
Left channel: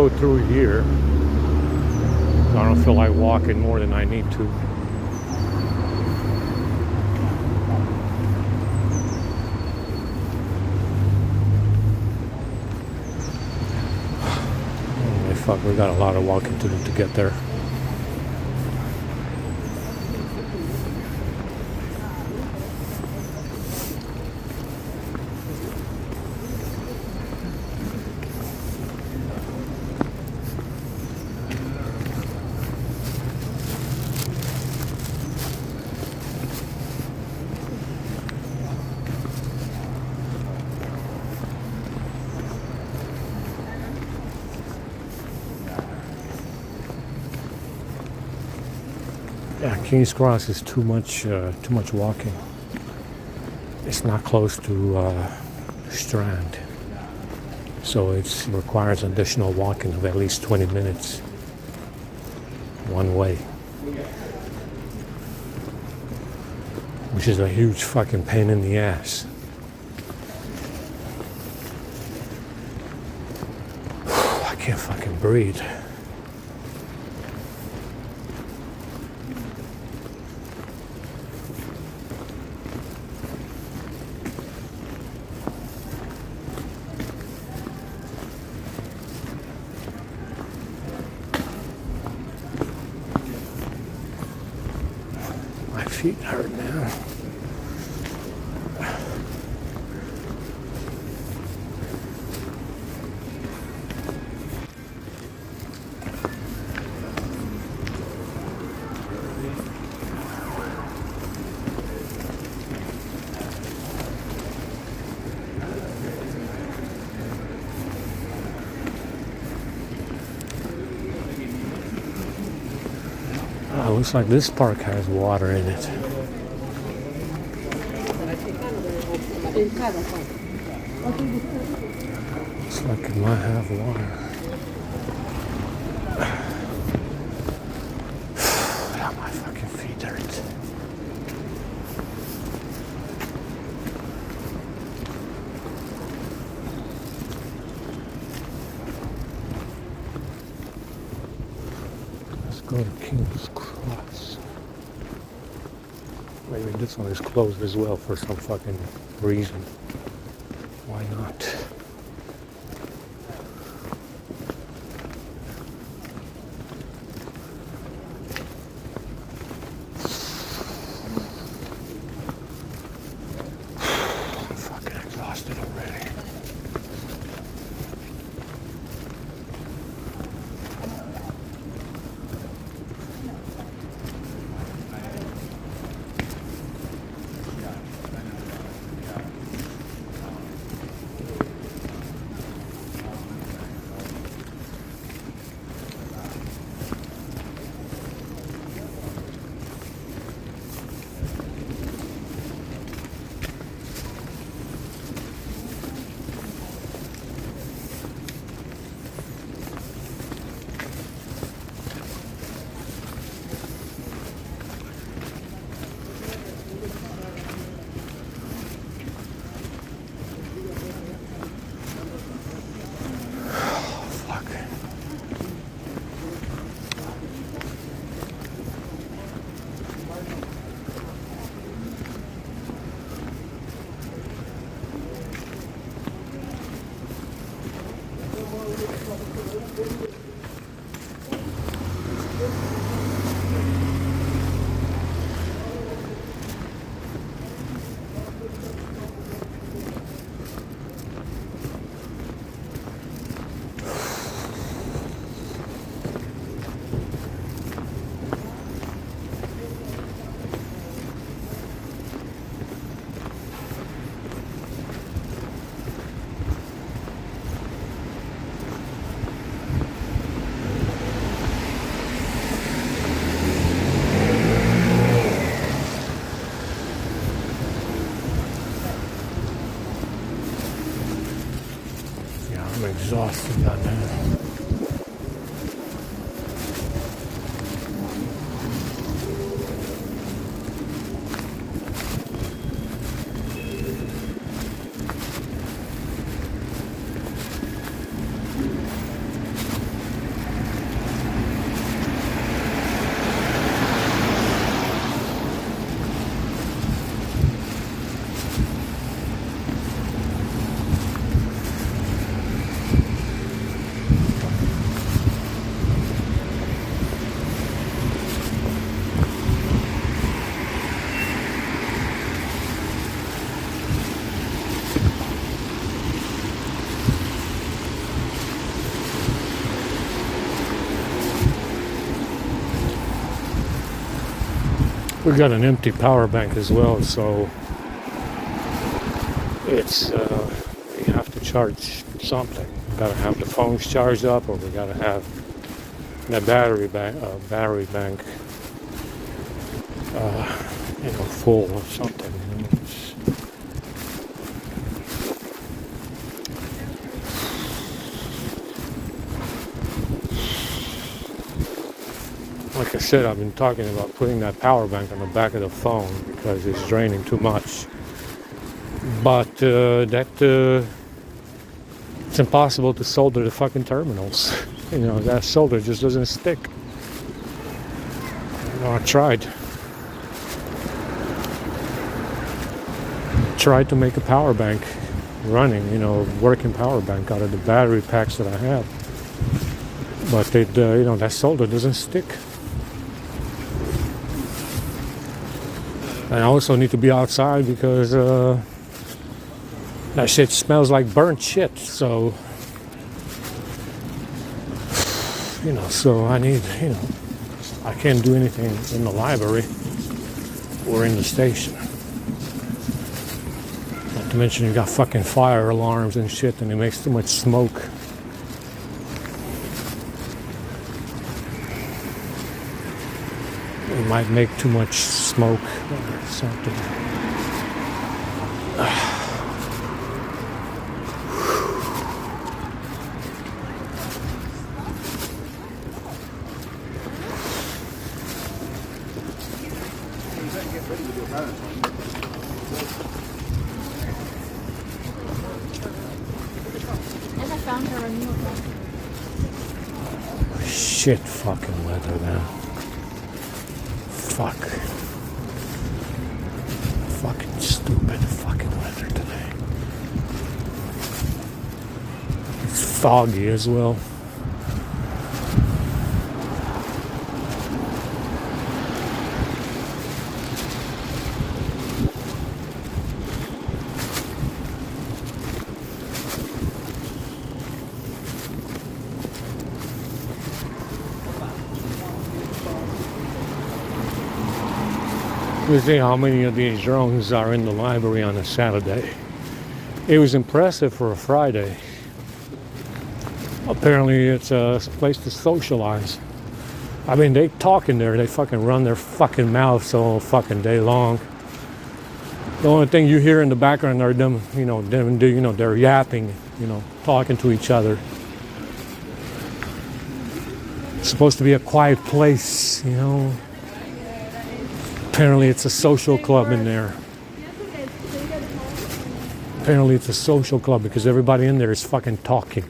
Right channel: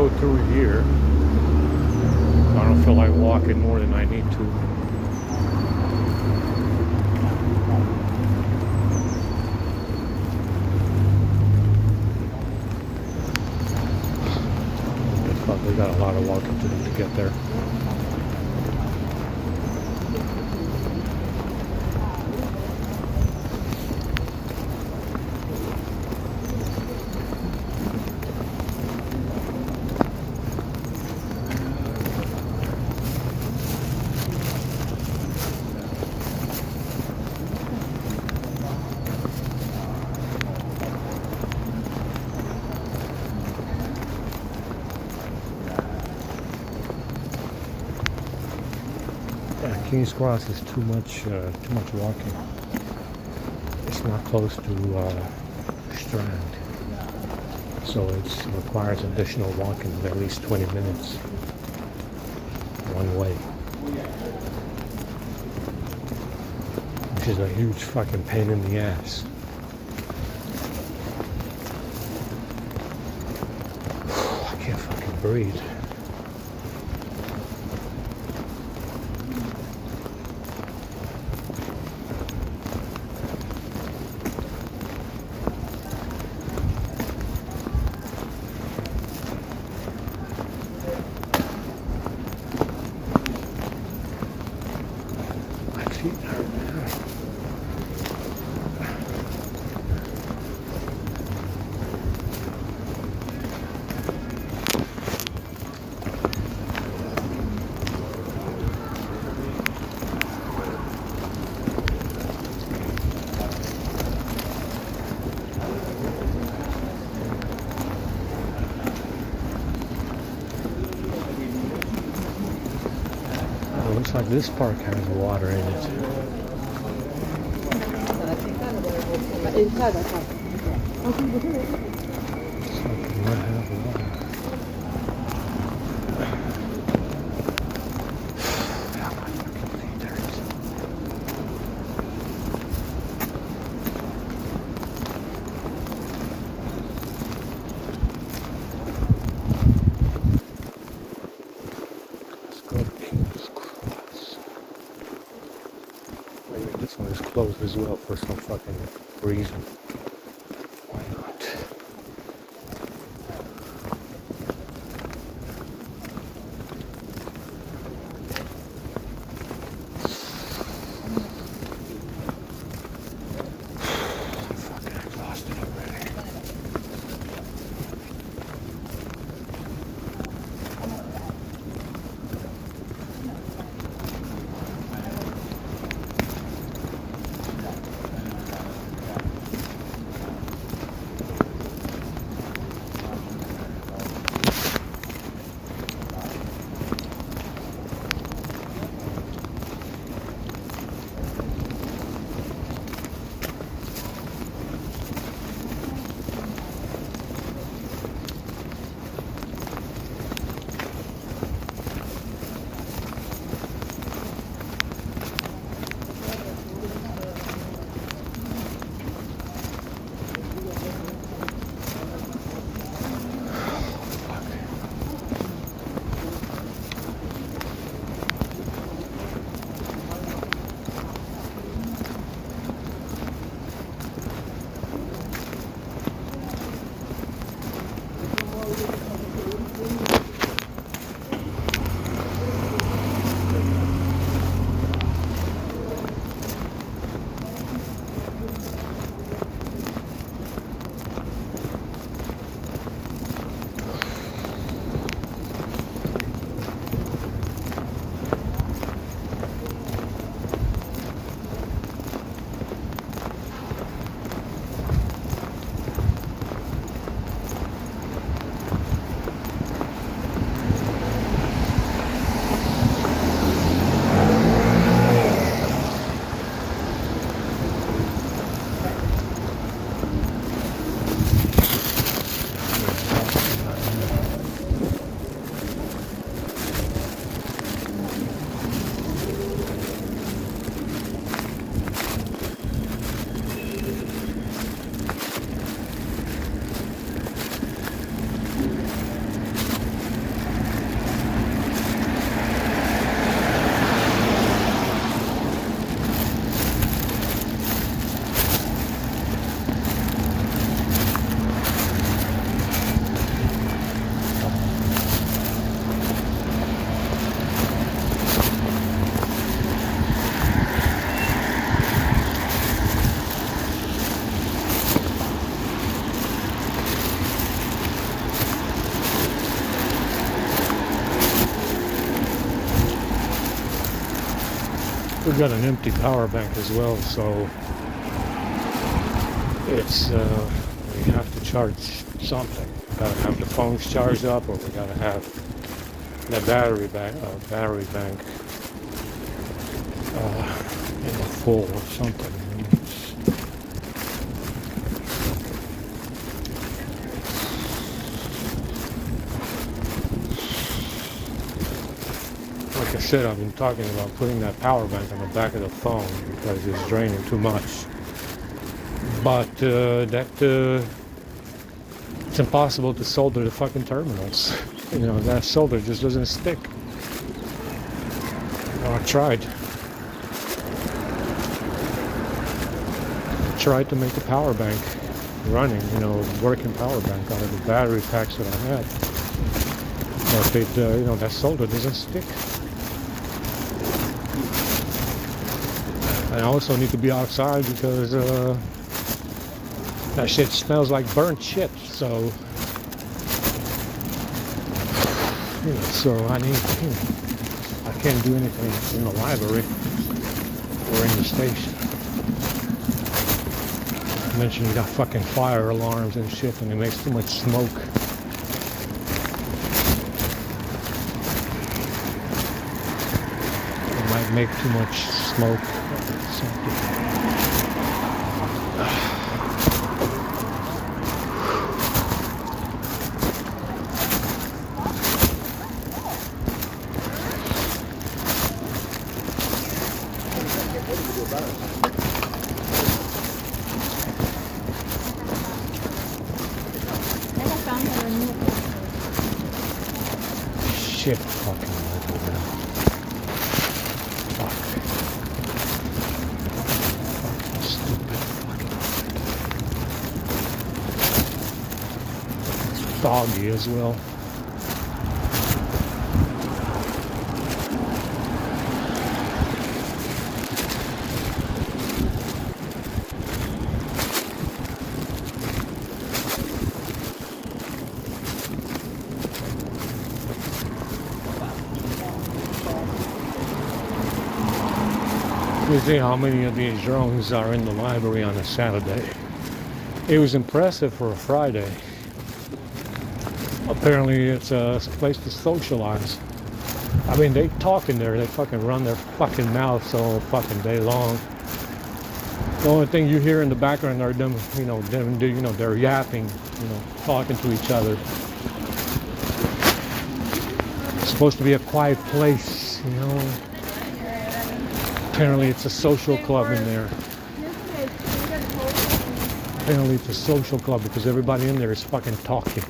go through here. I don't feel like walking more than I need to. Fuck, we got a lot of walking to do to get there. Yeah, King's Cross is too much walking. It's not close to Strand, so it requires additional walking of at least 20 minutes one way, which is a huge fucking pain in the ass. I can't fucking breathe. My feet hurt, man. It looks like this park has water in it. Looks like it might have water. My fucking feet hurt. Let's go to King's Cross. I mean, this one is closed as well for some fucking reason. Why not? I'm fucking exhausted already. We got an empty power bank as well, so it's we have to charge something. We gotta have the phones charged up, or we gotta have the battery bank, full or something. Like I said, I've been talking about putting that power bank on the back of the phone because it's draining too much. But it's impossible to solder the fucking terminals. You know, that solder just doesn't stick. You know, I tried to make a power bank running, you know, working power bank out of the battery packs that I have. But you know, that solder doesn't stick. I also need to be outside because that shit smells like burnt shit. So, you know, so I need, you know, I can't do anything in the library or in the station. Not to mention you got fucking fire alarms and shit, and it makes too much smoke. It might make too much smoke or something. Shit fucking weather now. Fuck. Fucking stupid fucking weather today. It's foggy as well. You see how many of these drones are in the library on a Saturday. It was impressive for a Friday. Apparently it's a place to socialize. I mean, they talk in there, they fucking run their fucking mouths all fucking day long. The only thing you hear in the background are them, they're yapping, talking to each other. It's supposed to be a quiet place, Apparently it's a social club in there. Apparently it's a social club because everybody in there is fucking talking.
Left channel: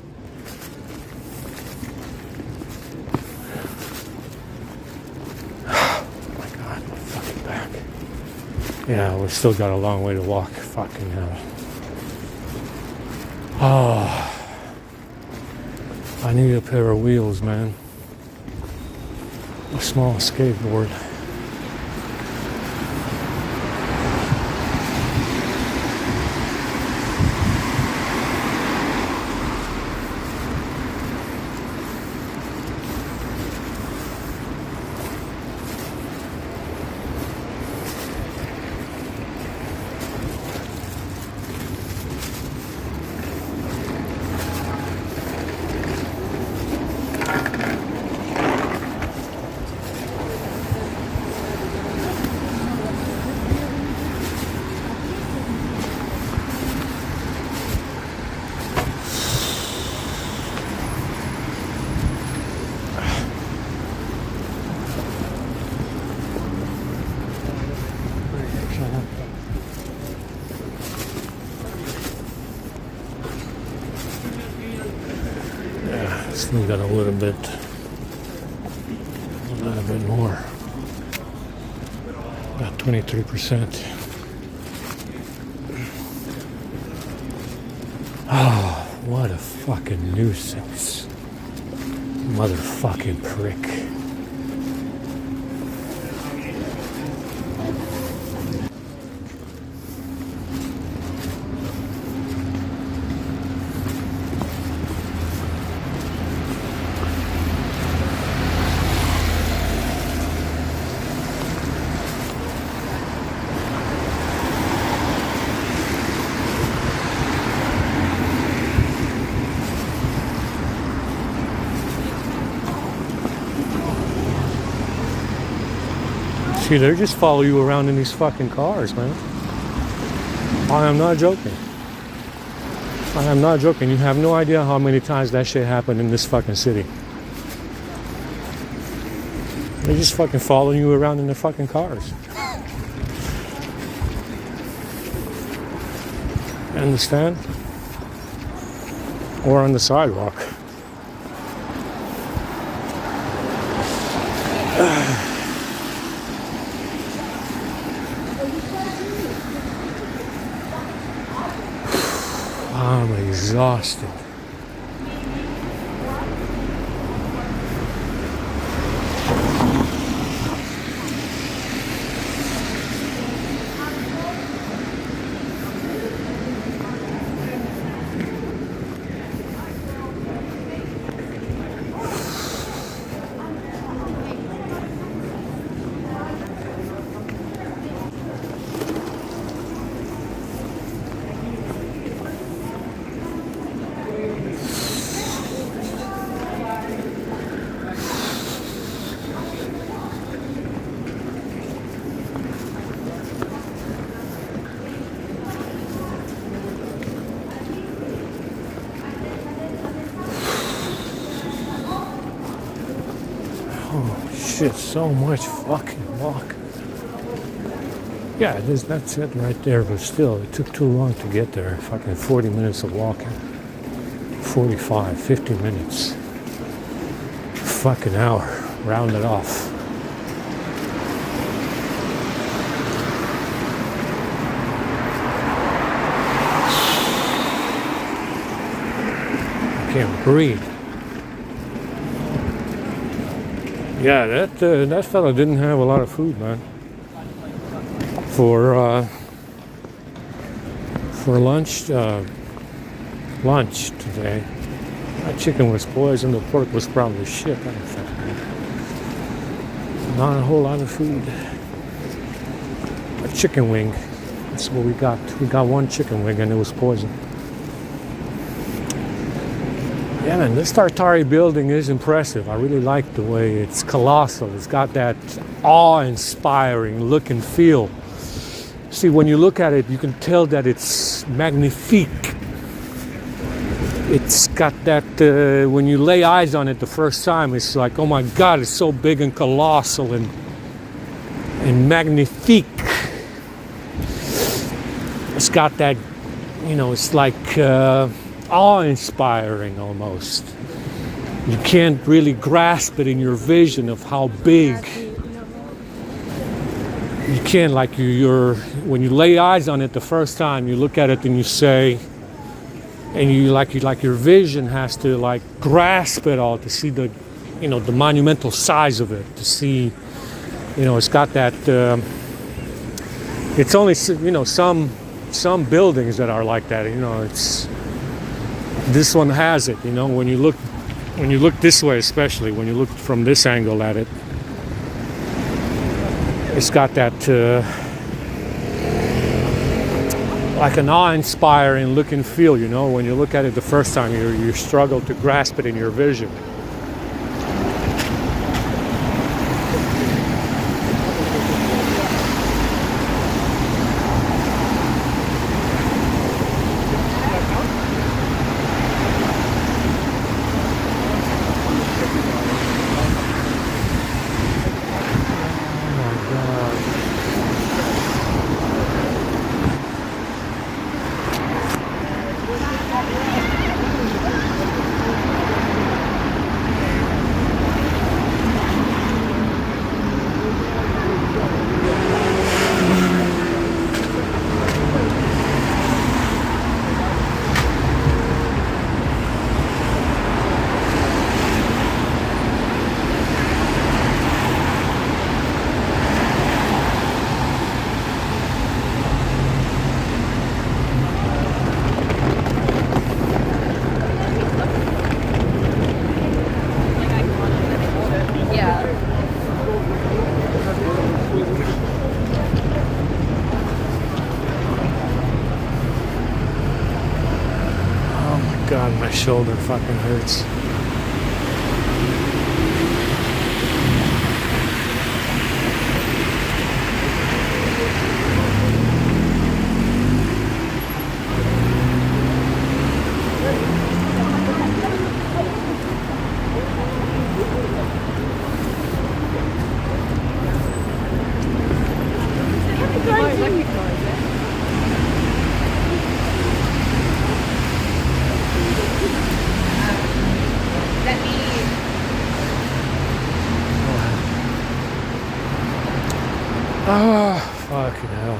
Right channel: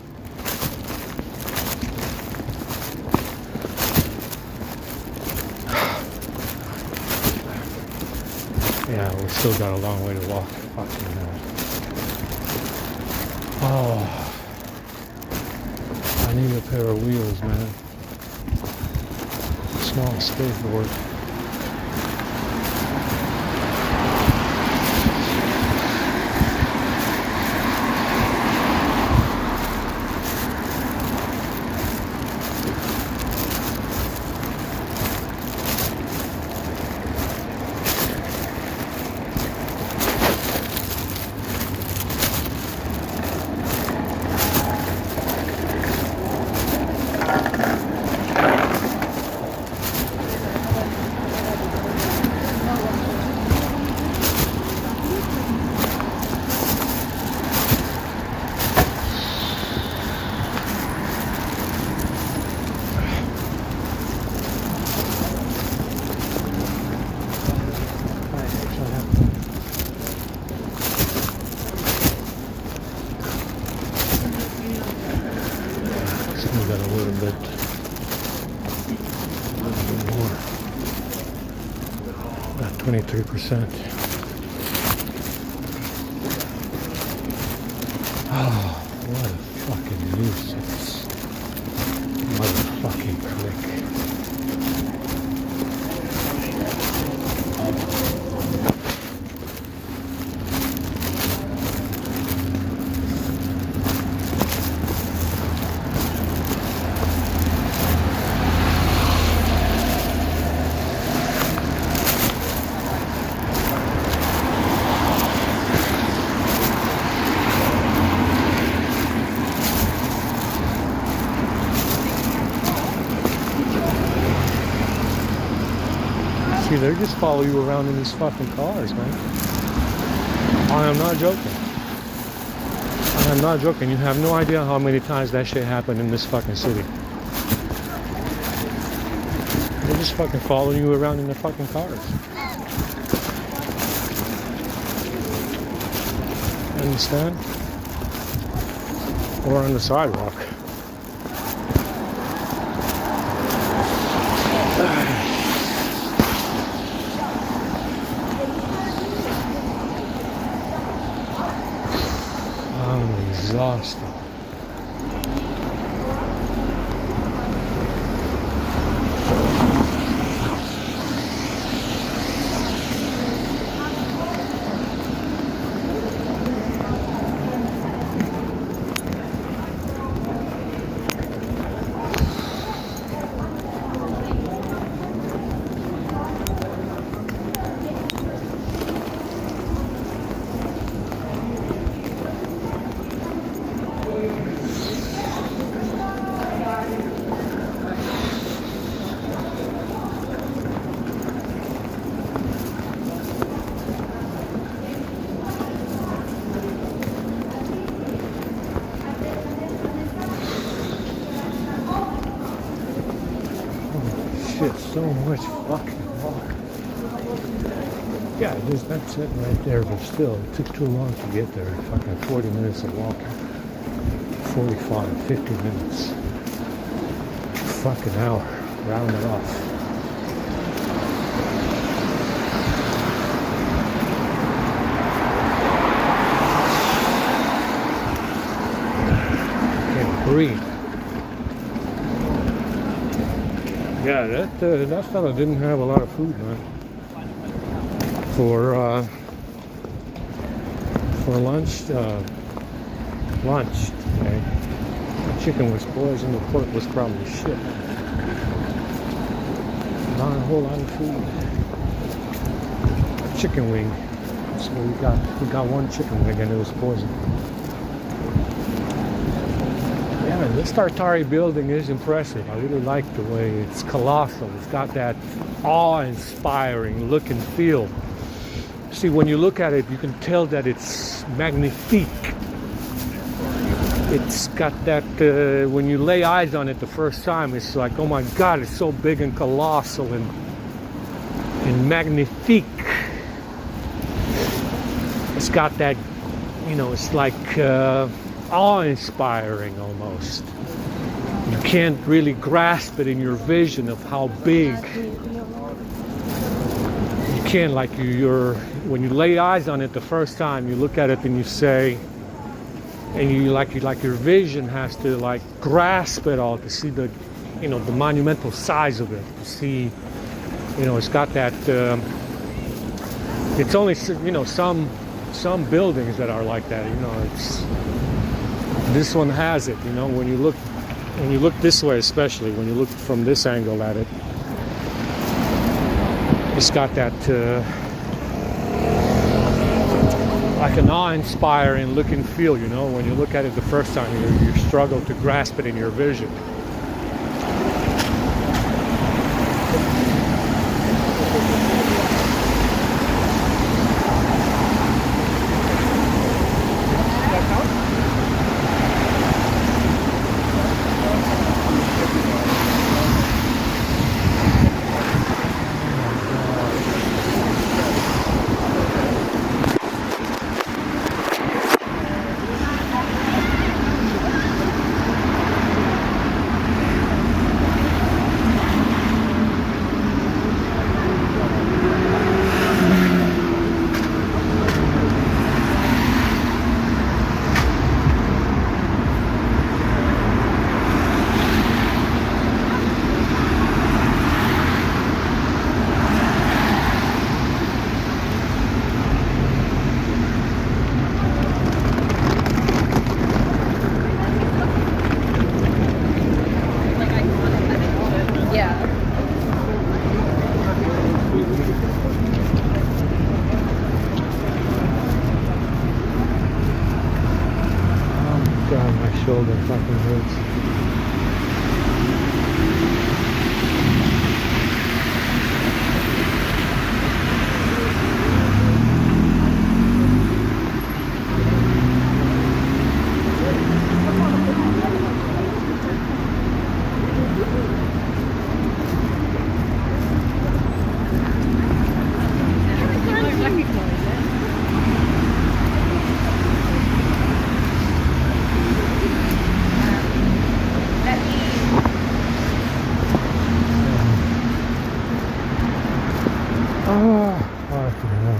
Yeah, we still got a long way to walk. Fucking hell. Oh, I need a pair of wheels, man. A small skateboard. We got a little bit more, about 23%. Oh, what a fucking nuisance. Motherfucking prick. See, they just follow you around in these fucking cars, man. I am not joking. I'm not joking. You have no idea how many times that shit happened in this fucking city. They just fucking follow you around in their fucking cars. Understand? Or on the sidewalk. I'm exhausted. Shit, so much fucking walking. Yeah, that's it right there, but still, it took too long to get there. Fucking 40 minutes of walking. 45, 50 minutes. Fucking hour. Round it off. I can't breathe. Yeah, that fella didn't have a lot of food, man. For lunch today. The chicken was poisoned. The pork was probably shit. Not a whole lot of food. A chicken wing. That's what we got. We got one chicken wing and it was poisoned. Yeah, man, this Tartari building is impressive. I really like the way it's colossal. It's got that awe-inspiring look and feel. See, when you look at it, you can tell that it's magnifique. It's got that, when you lay eyes on it the first time, it's like, oh my God, it's so big and colossal and magnifique. It's got that, you know, it's like awe-inspiring almost. You can't really grasp it in your vision of how big. You can't, like, when you lay eyes on it the first time, you look at it and you say, and you like your vision has to like grasp it all to see the, you know, the monumental size of it, to see, you know, it's got that. It's only, you know, some buildings that are like that. You know, it's, this one has it. You know, when you look this way, especially when you look from this angle at it, it's got that like an awe-inspiring look and feel. You know, when you look at it the first time, you struggle to grasp it in your vision. Fucking hell.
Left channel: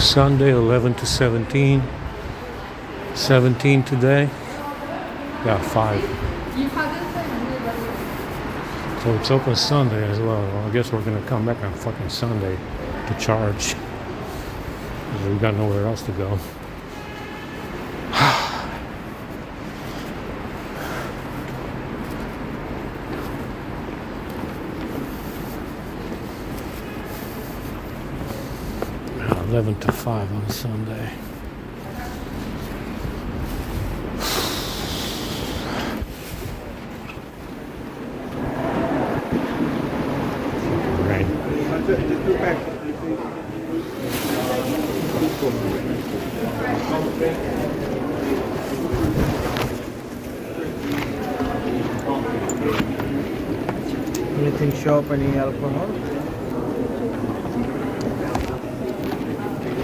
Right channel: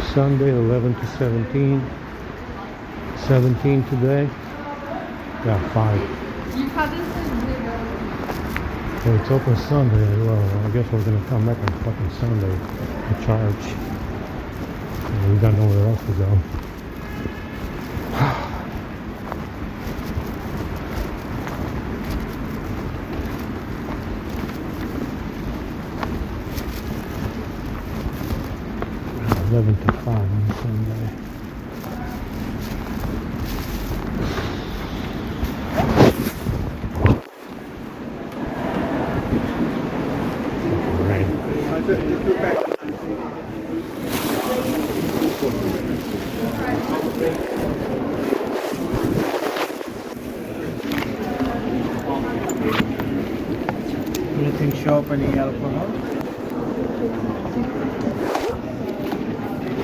Sunday 11 to 17. 17 today. Yeah, 5. So it's open Sunday as well. I guess we're gonna come back on fucking Sunday to charge. We got nowhere else to go. Yeah, 11 to 5 on Sunday. Anything shop, any alcohol?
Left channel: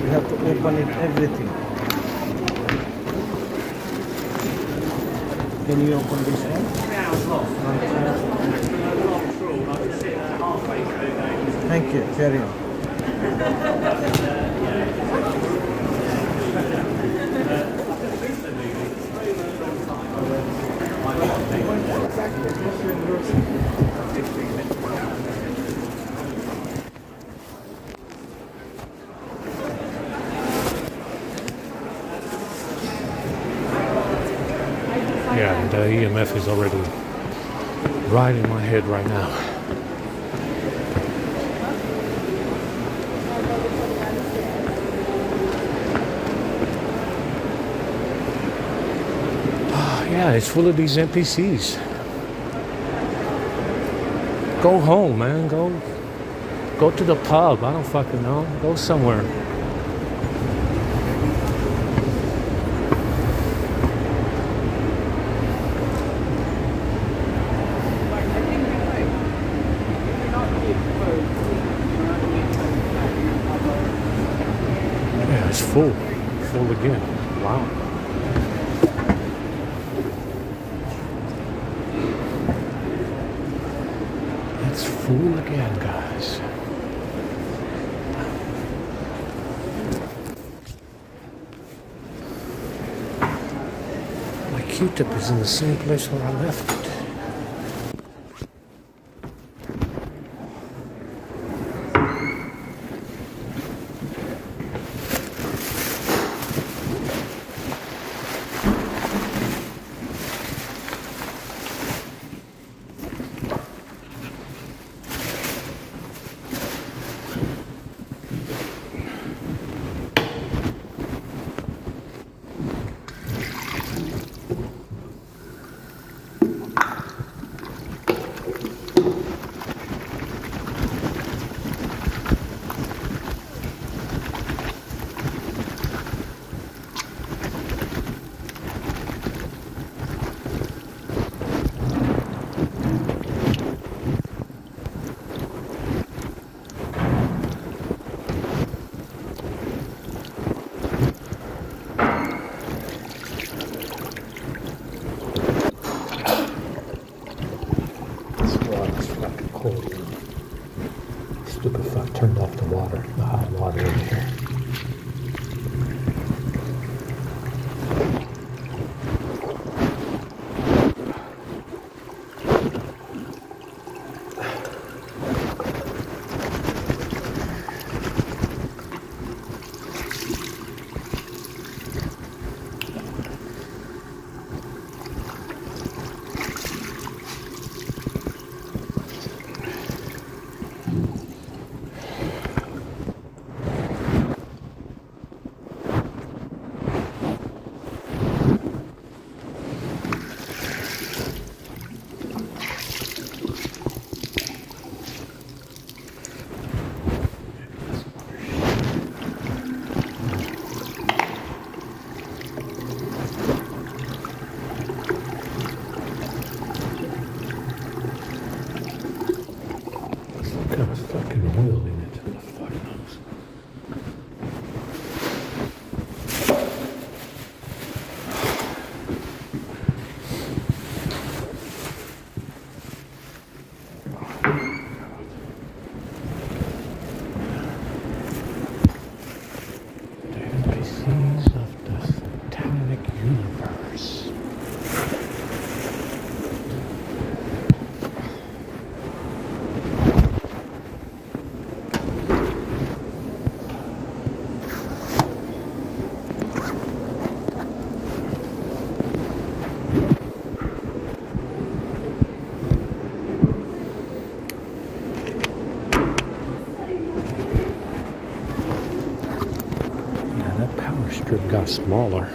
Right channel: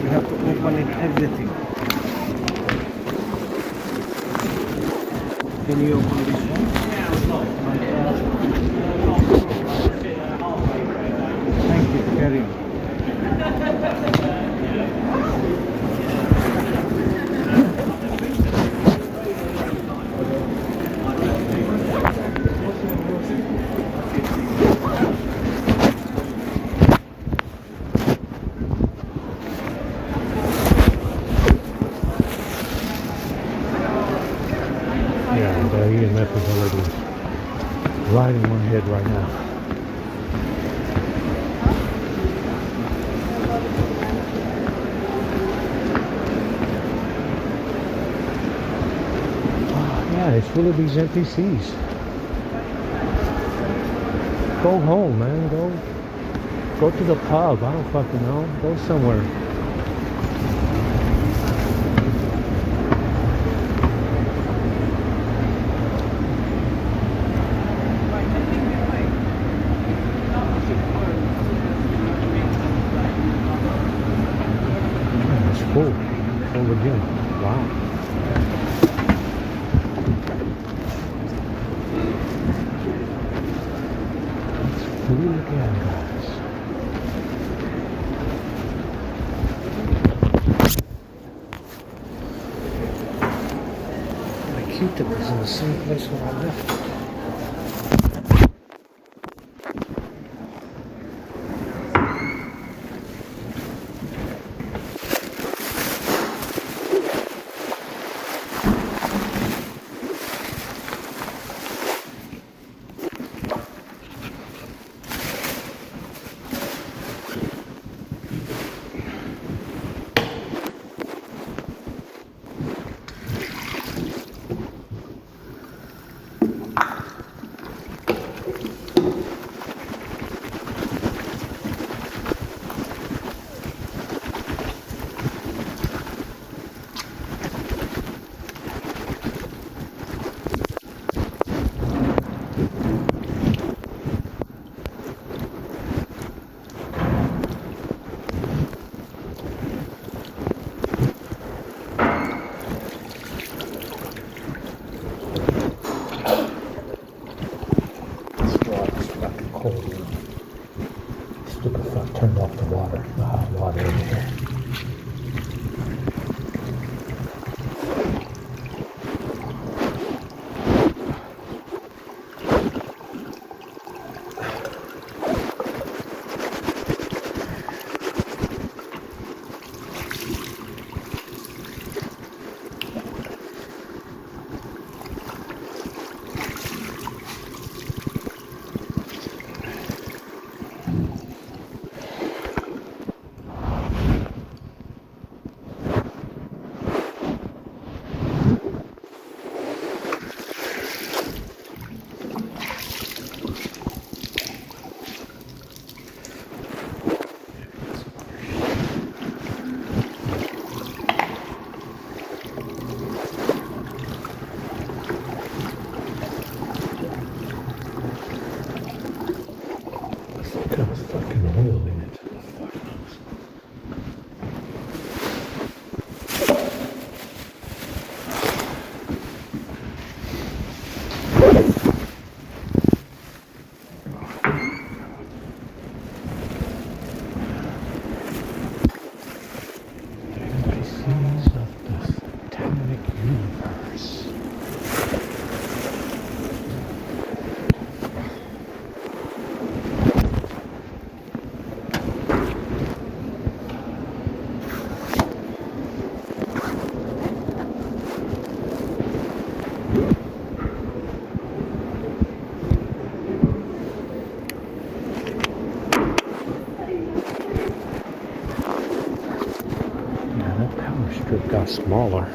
We have to open it, everything. Can you open this one? Thank you, carry on. Yeah, the EMF is already right in my head right now. Yeah, it's full of these NPCs. Go home, man. Go to the pub. I don't fucking know. Go somewhere. Yeah, it's full. Full again. Wow. It's full again, guys. My Q-tip is in the same place where I left it. strip got smaller.